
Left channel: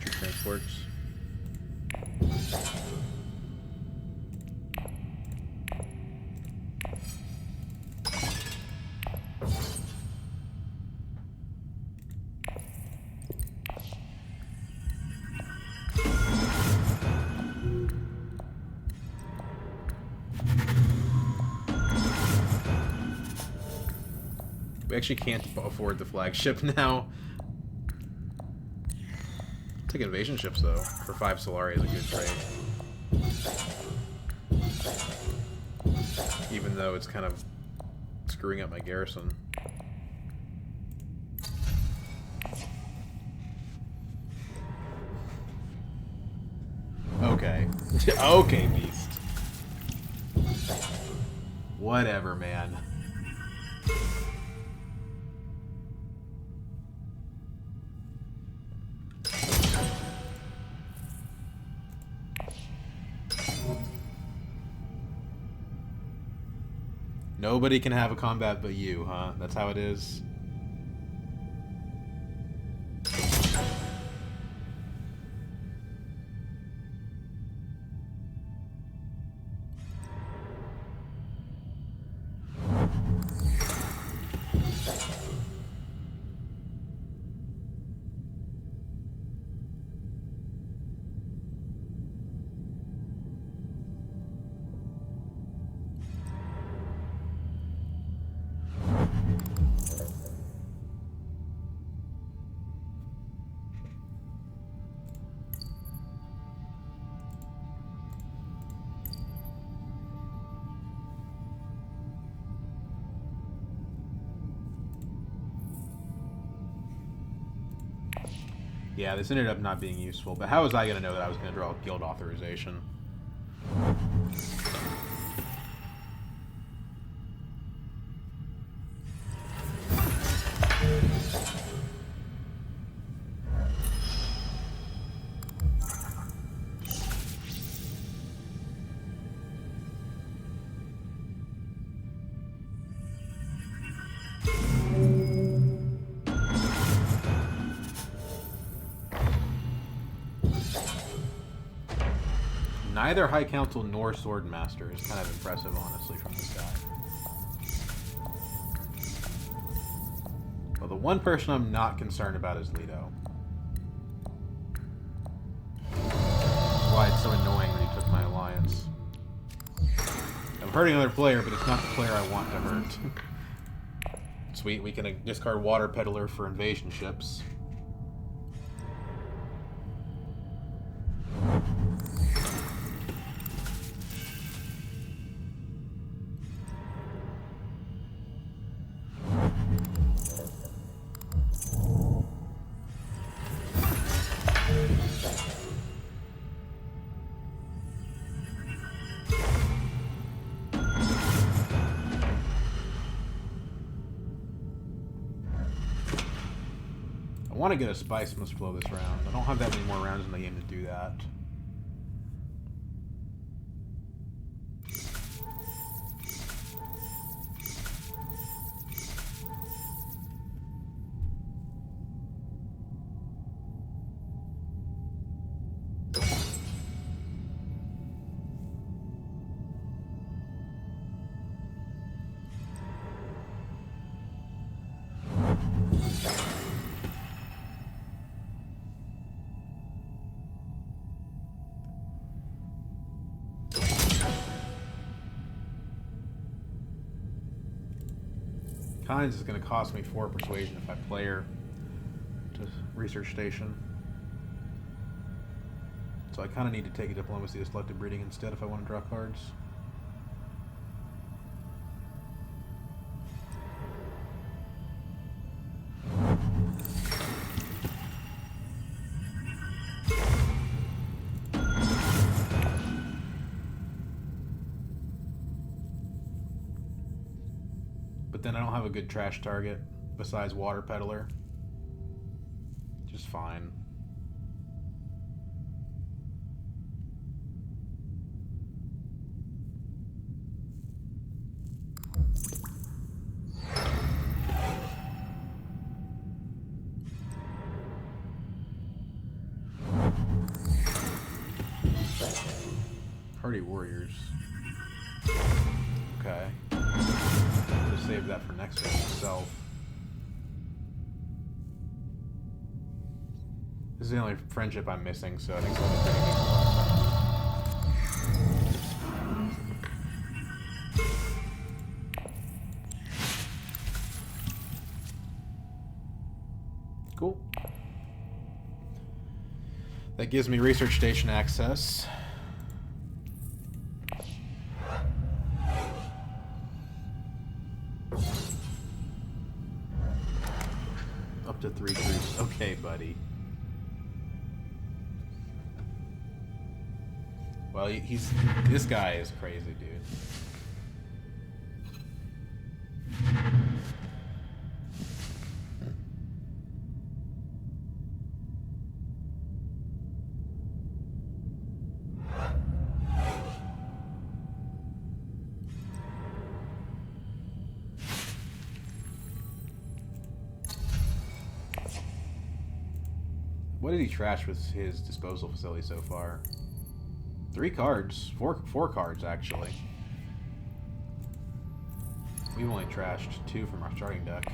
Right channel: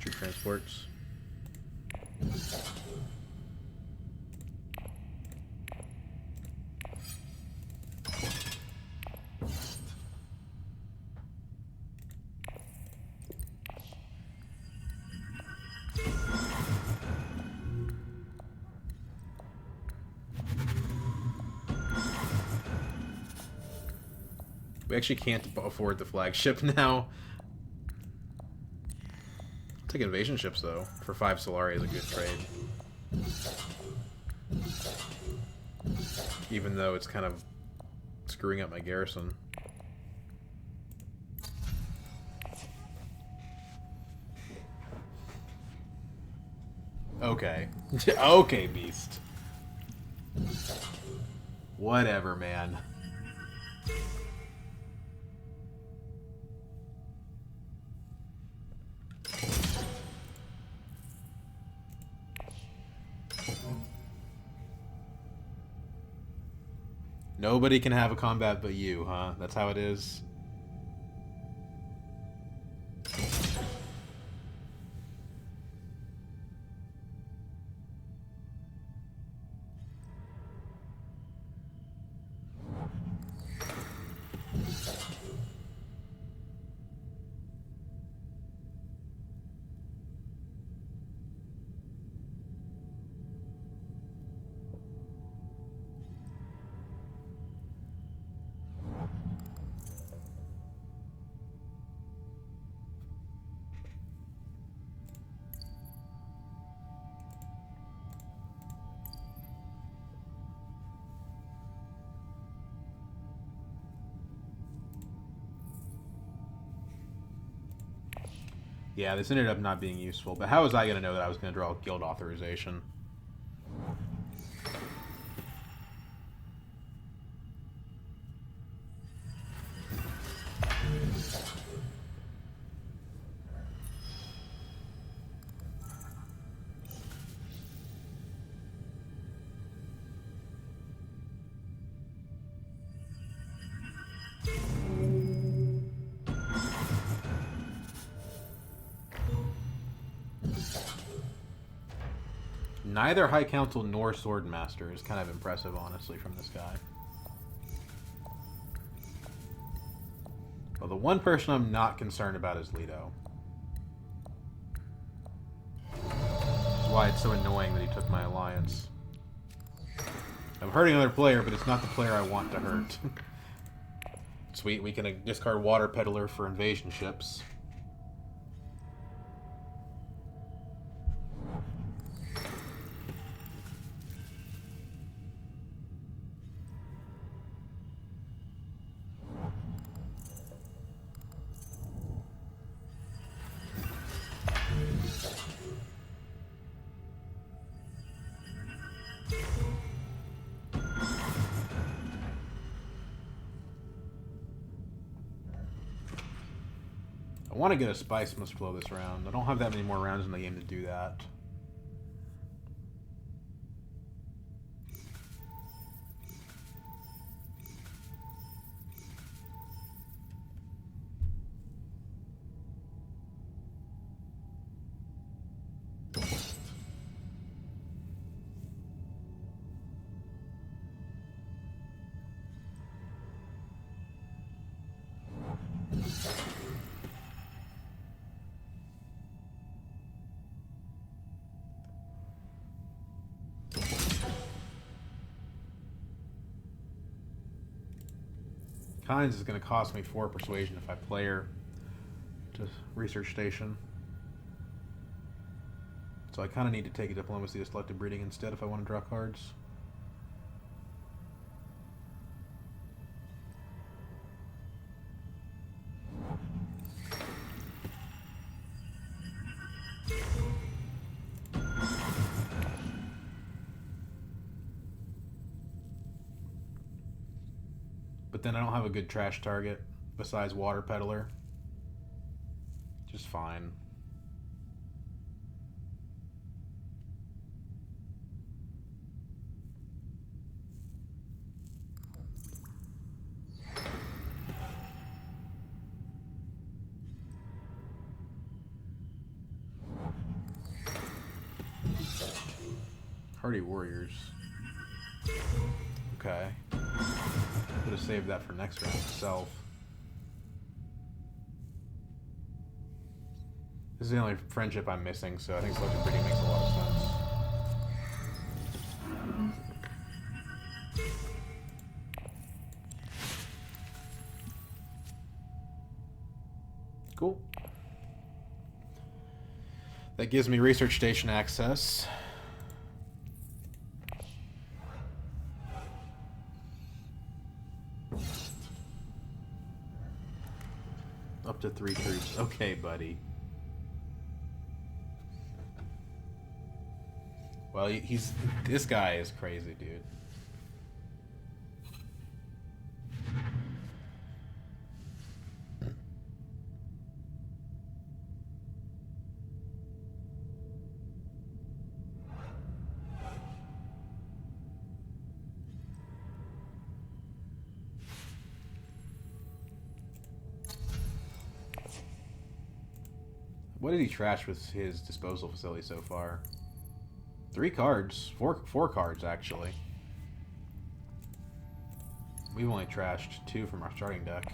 Troop transports. We actually can't afford the flagship now. Take invasion ships though. For 5 Solari is a good trade. Even though it's kind of screwing up my garrison. Okay. Okay, beast. Whatever, man. Nobody can have a combat but you, huh? That's how it is? Yeah, this ended up not being useful, but how was I going to know that I was going to draw guild authorization? Neither High Council nor Swordmaster is kind of impressive, honestly, from this guy. Well, the one person I'm not concerned about is Leto. That's why it's so annoying that he took my alliance. I'm hurting another player, but it's not the player I want to hurt. Sweet, we can discard Water Peddler for invasion ships. I want to get a Spice Must Flow this round. I don't have that many more rounds in the game to do that. Kynes is going to cost me 4 persuasion if I play her to Research Station. So I kind of need to take a Diplomacy to Selective Breeding instead if I want to draw cards. But then I don't have a good trash target besides Water Peddler. Just fine. Hardy Warriors. Okay. Would have saved that for next round itself. This is the only friendship I'm missing, so I think Selective Breeding makes a lot of sense. Cool. That gives me Research Station access. Up to 3 troops. Okay, buddy. Well, this guy is crazy, dude. What did he trash with his disposal facility so far? 3 cards. 4 cards, actually. We've only trashed 2 from our starting deck.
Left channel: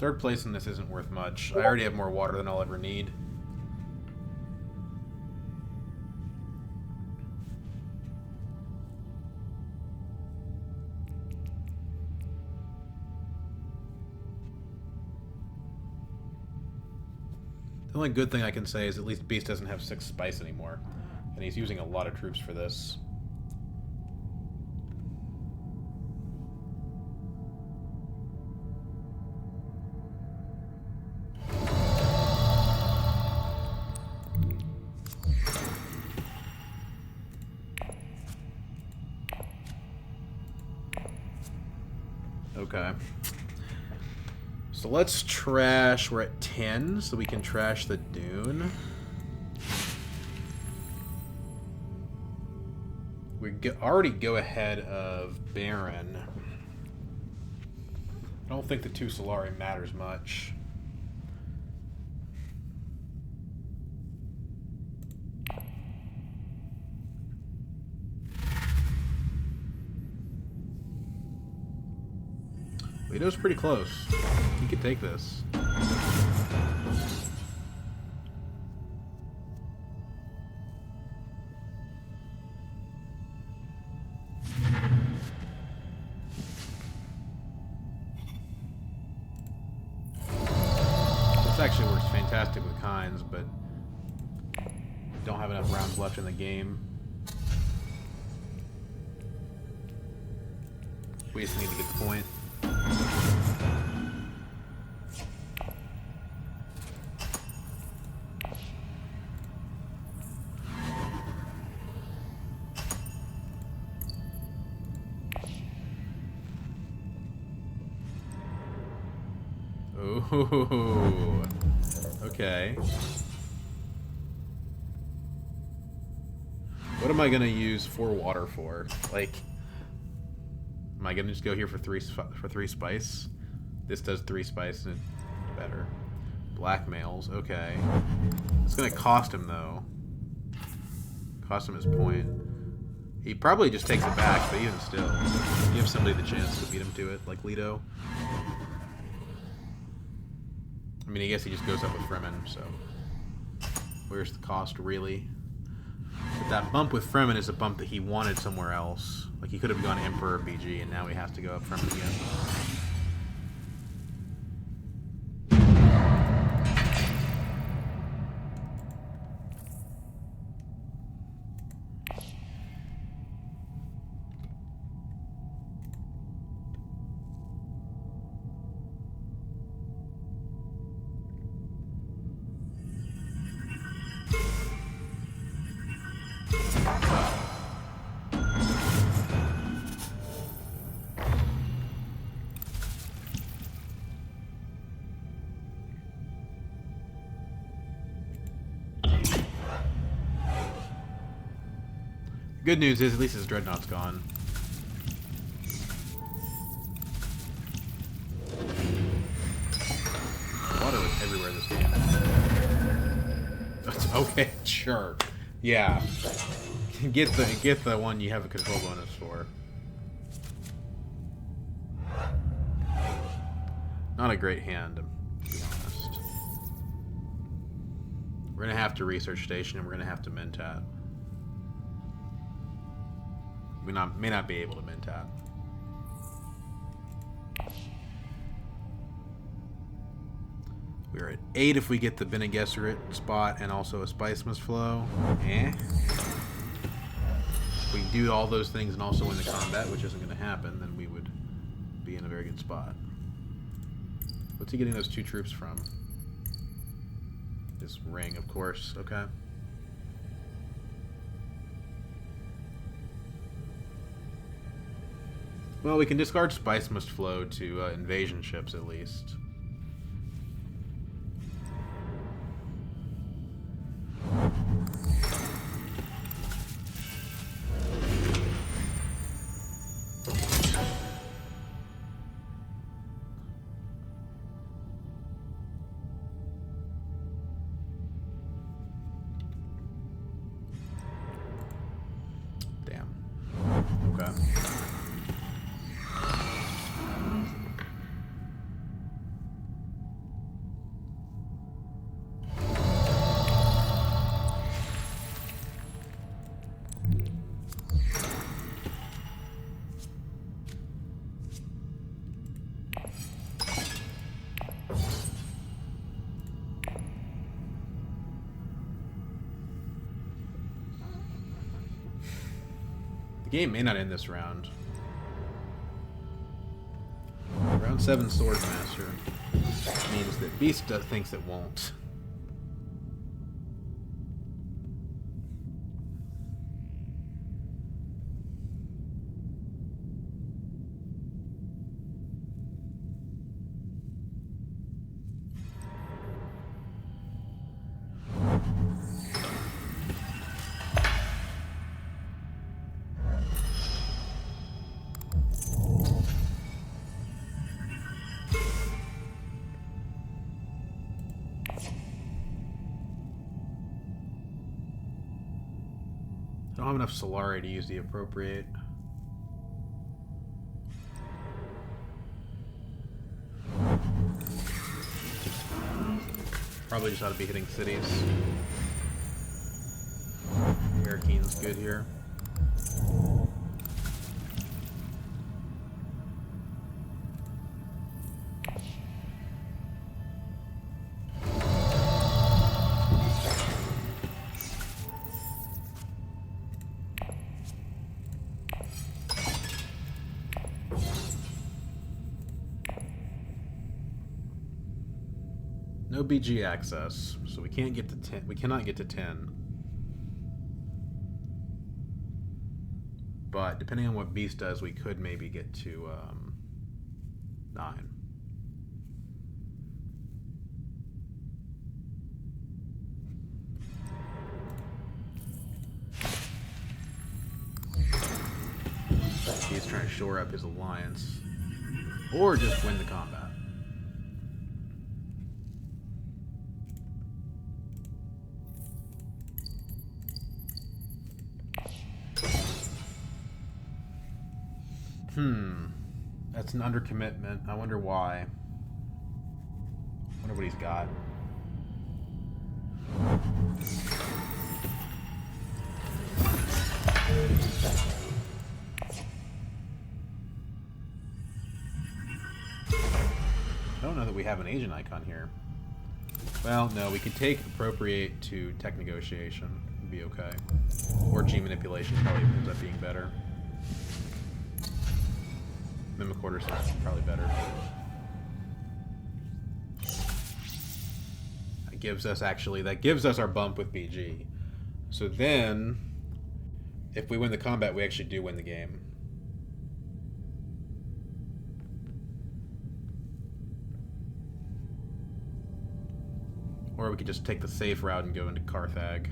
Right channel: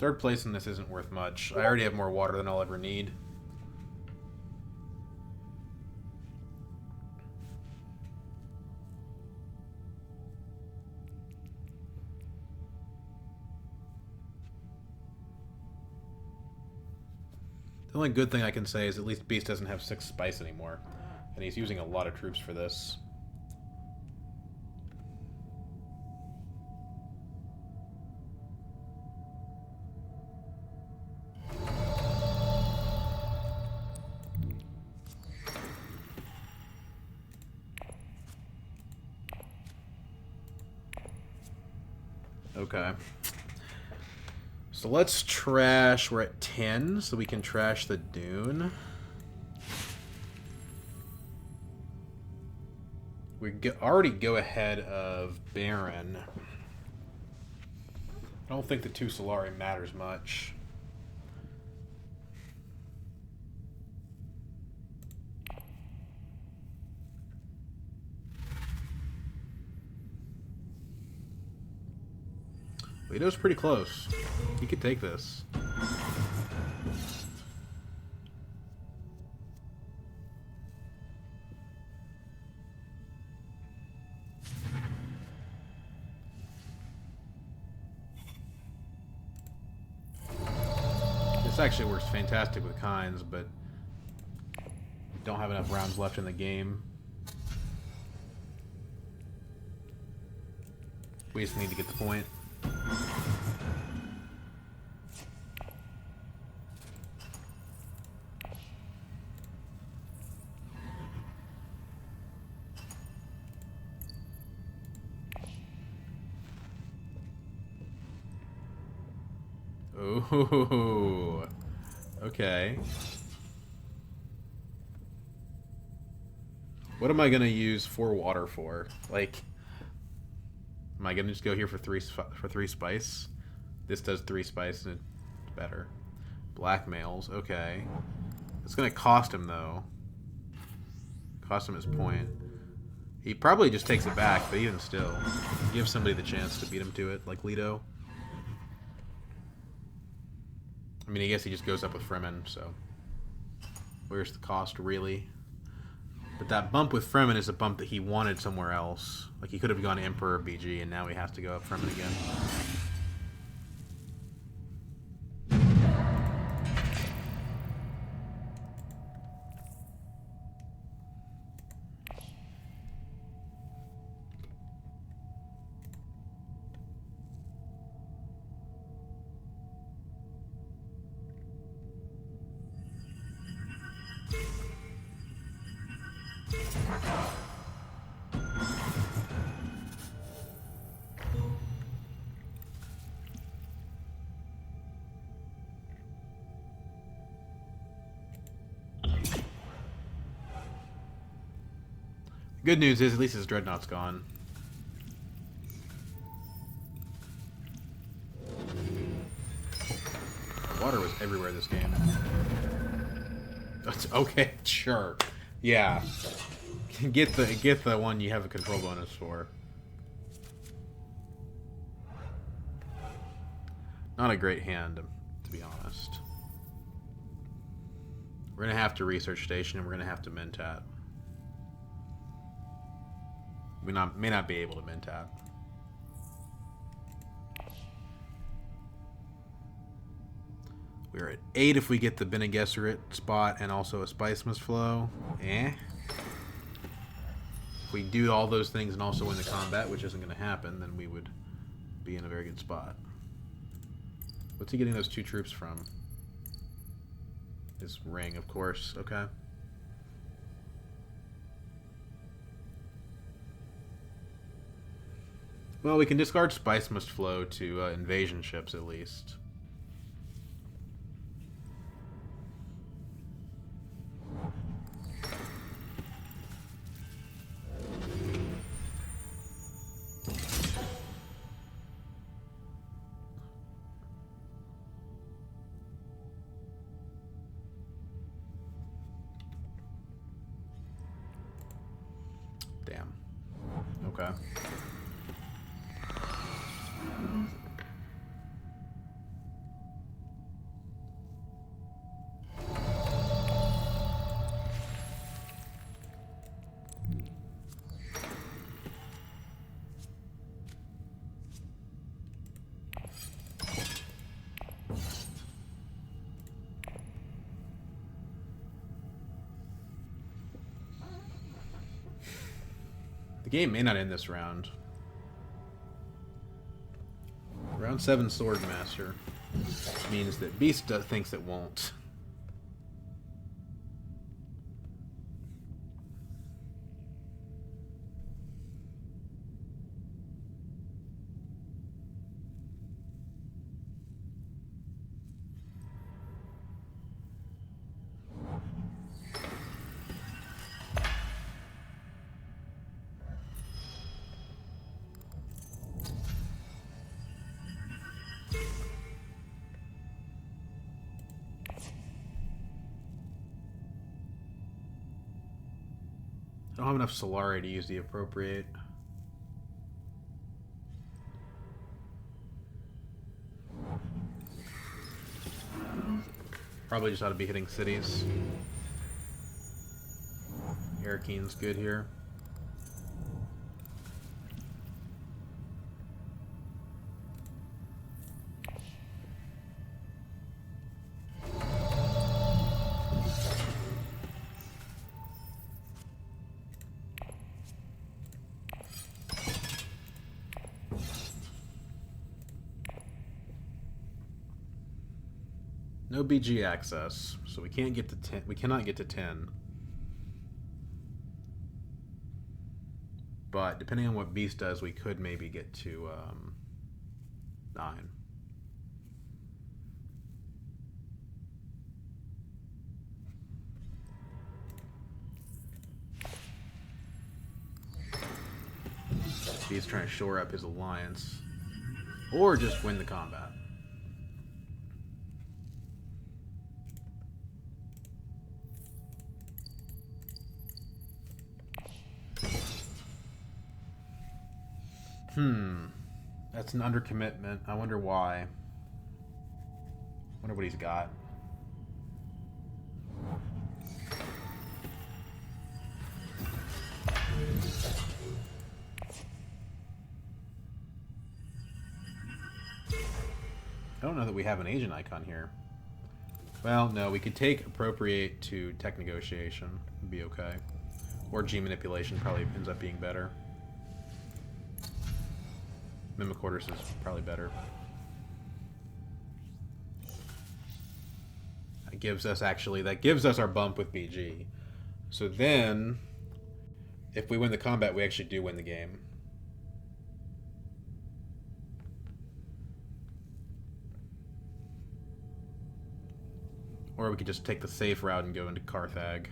Third place in this isn't worth much. I already have more water than I'll ever need. The only good thing I can say is at least Beast doesn't have 6 spice anymore. And he's using a lot of troops for this. Okay. So let's trash. We're at 10, so we can trash the Dune. We already go ahead of Baron. I don't think the 2 Solari matters much. Lito's pretty close. He could take this. This actually works fantastic with Kynes, but don't have enough rounds left in the game. We just need to get the point. Oh, okay. What am I gonna use 4 water for? Like, am I gonna just go here for 3 spice? This does 3 spice and it's better. Blackmails, okay. It's gonna cost him though. Cost him his point. He probably just takes it back, but even still, give somebody the chance to beat him to it, like Leto. I mean, I guess he just goes up with Fremen, so where's the cost, really? But that bump with Fremen is a bump that he wanted somewhere else. Like, he could have gone Emperor BG, and now he has to go up Fremen again. Good news is, at least his Dreadnought's gone. Water was everywhere this game. Okay, sure. Yeah. Get the one you have a control bonus for. Not a great hand, to be honest. We're gonna have to research station, and we're gonna have to Mentat. We may not be able to Mentat. We're at 8 if we get the Bene Gesserit spot and also a Spice Must Flow. If we do all those things and also win the combat, which isn't going to happen, then we would be in a very good spot. What's he getting those 2 troops from? His ring, of course. Okay. Well, we can discard Spice Must Flow to invasion ships, at least. Damn. Okay. The game may not end this round. Round 7 Swordmaster means that Beast thinks it won't. I don't have enough Solari to use the appropriate. Probably just ought to be hitting cities. Airkeen's good here. No BG access, so we can't get to 10. We cannot get to 10. But depending on what Beast does, we could maybe get to 9. He's trying to shore up his alliance, or just win the combat. That's an undercommitment. I wonder why. Wonder what he's got. I don't know that we have an agent icon here. Well, no, we could take appropriate to tech negotiation. It'd be okay. Or G manipulation probably ends up being better. Mimic Quarters is probably better. That gives us our bump with BG. So then, if we win the combat, we actually do win the game. Or we could just take the safe route and go into Carthag.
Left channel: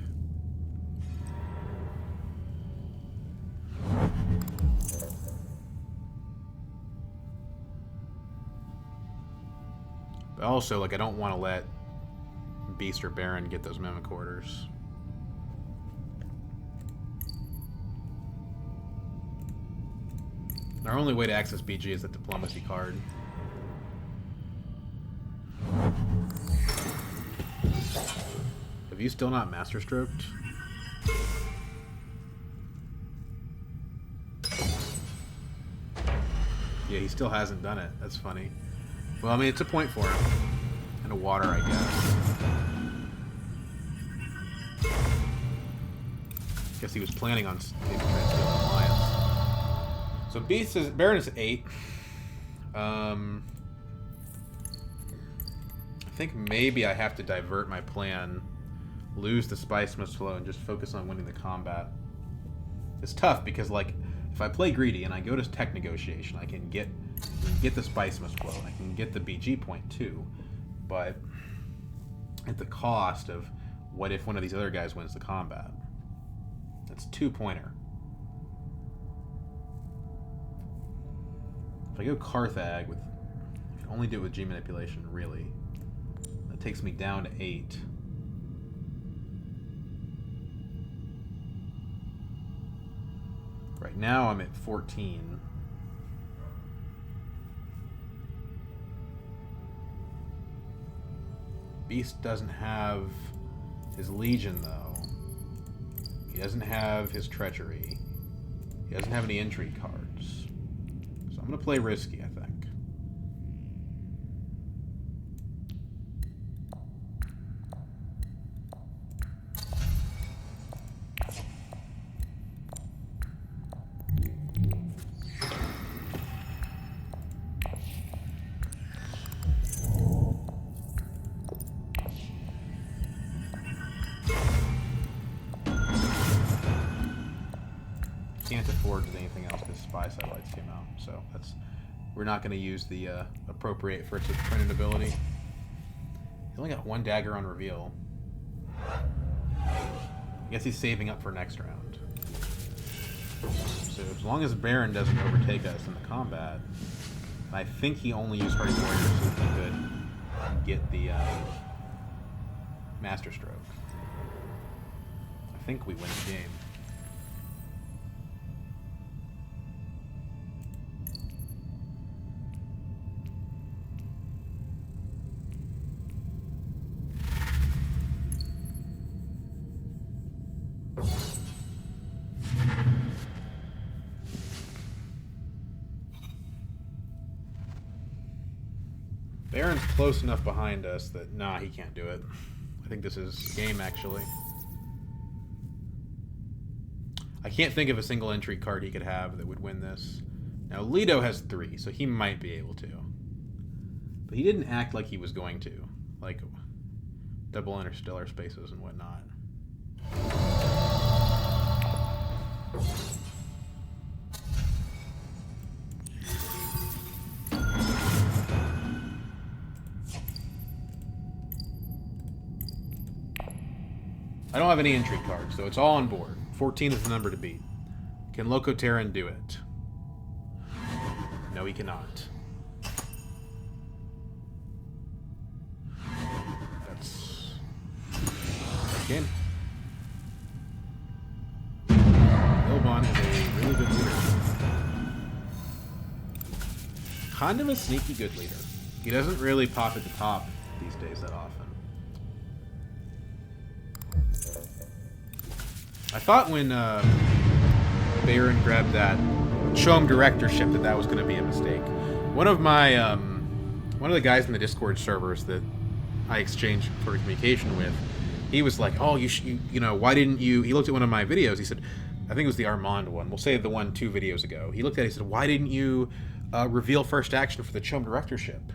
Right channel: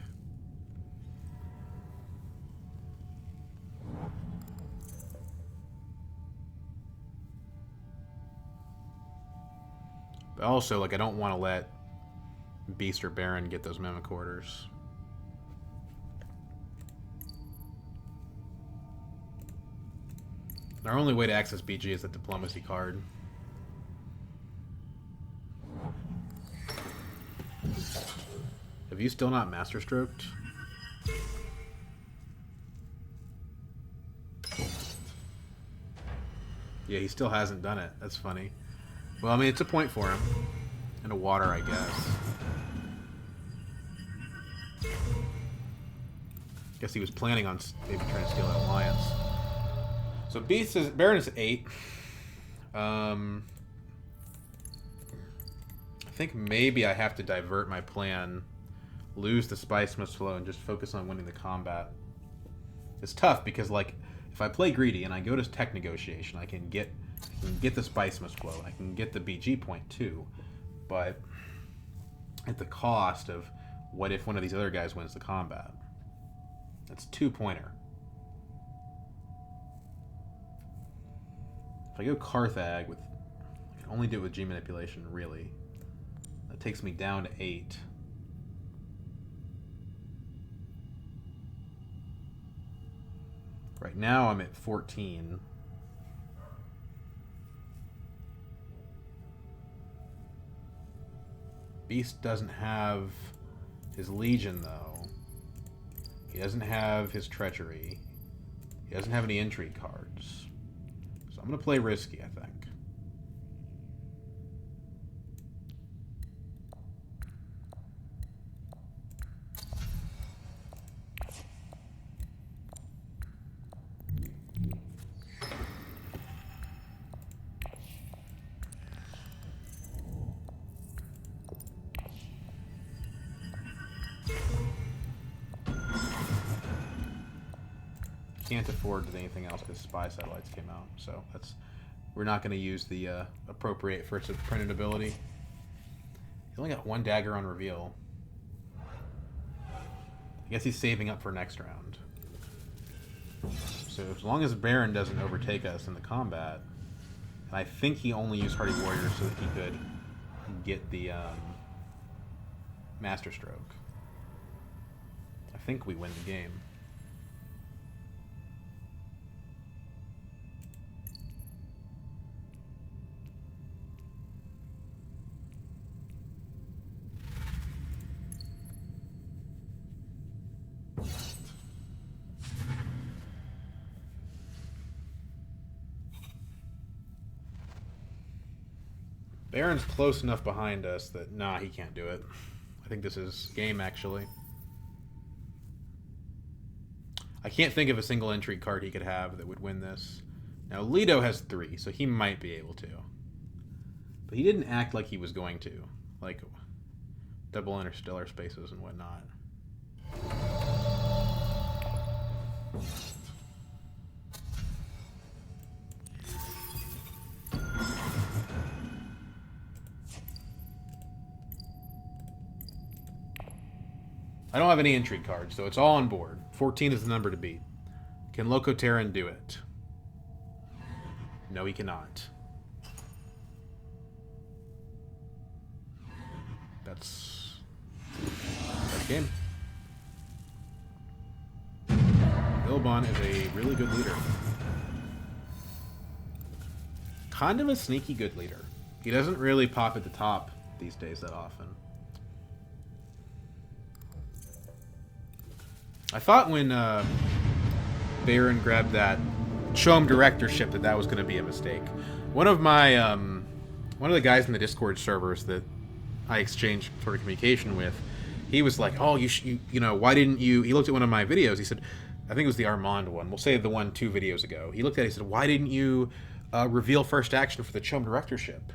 But also, like, I don't want to let Beast or Baron get those Mimic Quarters. Our only way to access BG is the Diplomacy card. Have you still not Master Stroked? Yeah, he still hasn't done it. That's funny. Well, I mean, it's a point for him. And a water, I guess. Guess he was planning on maybe trying to steal an alliance. So Beast is... Baron is 8. I think maybe I have to divert my plan. Lose the Spice Must Flow and just focus on winning the combat. It's tough because, like, if I play greedy and I go to tech negotiation, I can get the Spice Must Flow. I can get the BG point too, but at the cost of what if one of these other guys wins the combat? That's 2-pointer. If I go Carthag with, I can only do it with G manipulation, really. That takes me down to 8. Right now I'm at 14. Beast doesn't have his Legion, though. He doesn't have his Treachery. He doesn't have any intrigue cards. So I'm going to play risky, I think. can't afford anything else because spy satellites came out. So that's we're not going to use the appropriate for its printed ability. He only got 1 dagger on reveal. I guess he's saving up for next round. So as long as Baron doesn't overtake us in the combat, and I think he only used Hardy Warrior so that he could get the Master Stroke. I think we win the game. Baron's close enough behind us that, nah, he can't do it. I think this is game, actually. I can't think of a single entry card he could have that would win this. Now, Leto has 3, so he might be able to. But he didn't act like he was going to. Like, double interstellar spaces and whatnot. I don't have any intrigue cards, so it's all on board. 14 is the number to beat. Can Loco Terran do it? No, he cannot. That's game. Ilban is a really good leader. Kind of a sneaky good leader. He doesn't really pop at the top these days that often. I thought when Baron grabbed that Chom directorship that was going to be a mistake. One of the guys in the Discord servers that I exchanged sort of communication with, he was like, "Oh, you know, why didn't you?" He looked at one of my videos. He said, I think it was the Armand one. We'll say the one 2 videos ago. He looked at it. He said, "Why didn't you reveal first action for the Chom directorship?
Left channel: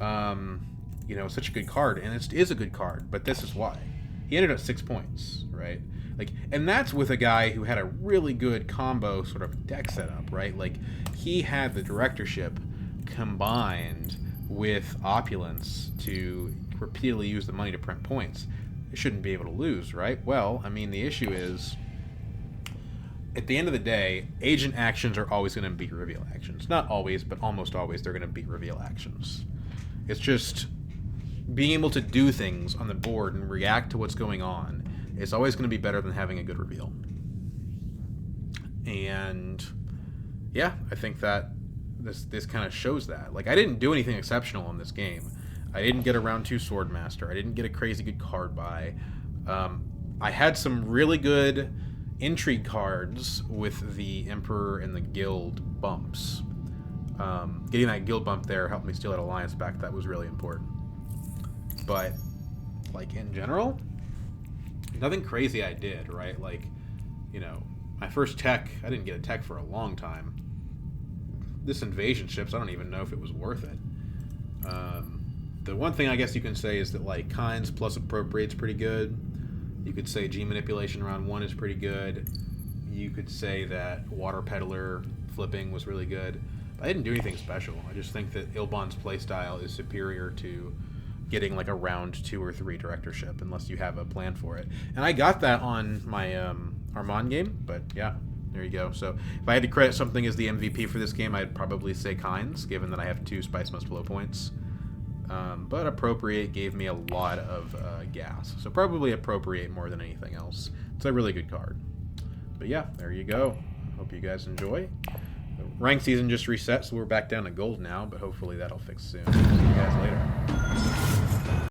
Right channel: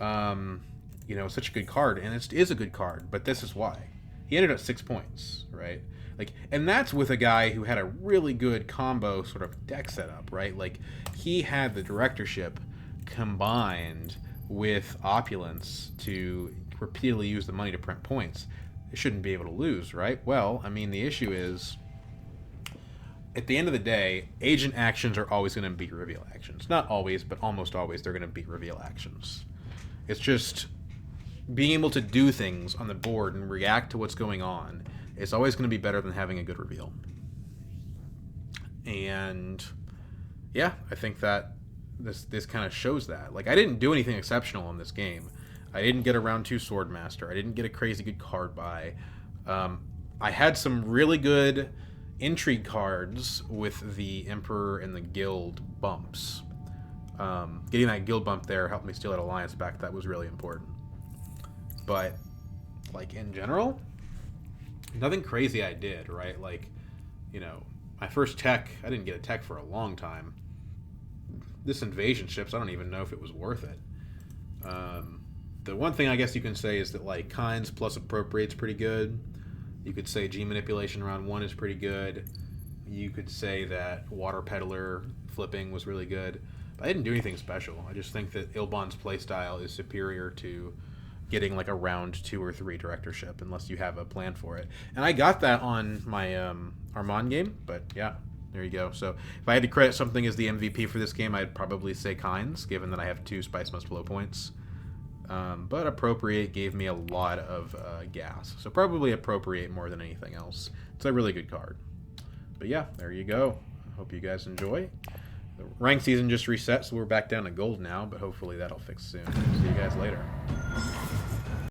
You know, such a good card, and it is a good card. But this is why." He ended up 6 points, right? Like, and that's with a guy who had a really good combo sort of deck setup, right? Like, he had the directorship combined with opulence to repeatedly use the money to print points. They shouldn't be able to lose, right? Well, I mean, the issue is, at the end of the day, agent actions are always going to beat reveal actions. Not always, but almost always they're going to beat reveal actions. It's just being able to do things on the board and react to what's going on is always going to be better than having a good reveal. And yeah, I think that this kind of shows that. Like, I didn't do anything exceptional in this game. I didn't get a round 2 Swordmaster. I didn't get a crazy good card buy. I had some really good intrigue cards with the Emperor and the Guild bumps. Getting that Guild bump there helped me steal that Alliance back. That was really important. But, like, in general, nothing crazy I did, right? Like, you know, my first tech, I didn't get a tech for a long time. This invasion ships, I don't even know if it was worth it. The one thing I guess you can say is that, like, Kinds plus Appropriate's pretty good. You could say G Manipulation round 1 is pretty good. You could say that Water Peddler flipping was really good. But I didn't do anything special. I just think that Ilban's playstyle is superior to getting like a round 2 or 3 directorship unless you have a plan for it. And I got that on my Armand game, but yeah, there you go. So if I had to credit something as the MVP for this game, I'd probably say Kinds, given that I have 2 Spice Must Flow points. But Appropriate gave me a lot of gas. So probably Appropriate more than anything else. It's a really good card. But yeah, there you go. I hope you guys enjoy. The rank season just reset, so we're back down to gold now, but hopefully that'll fix soon. See you guys later.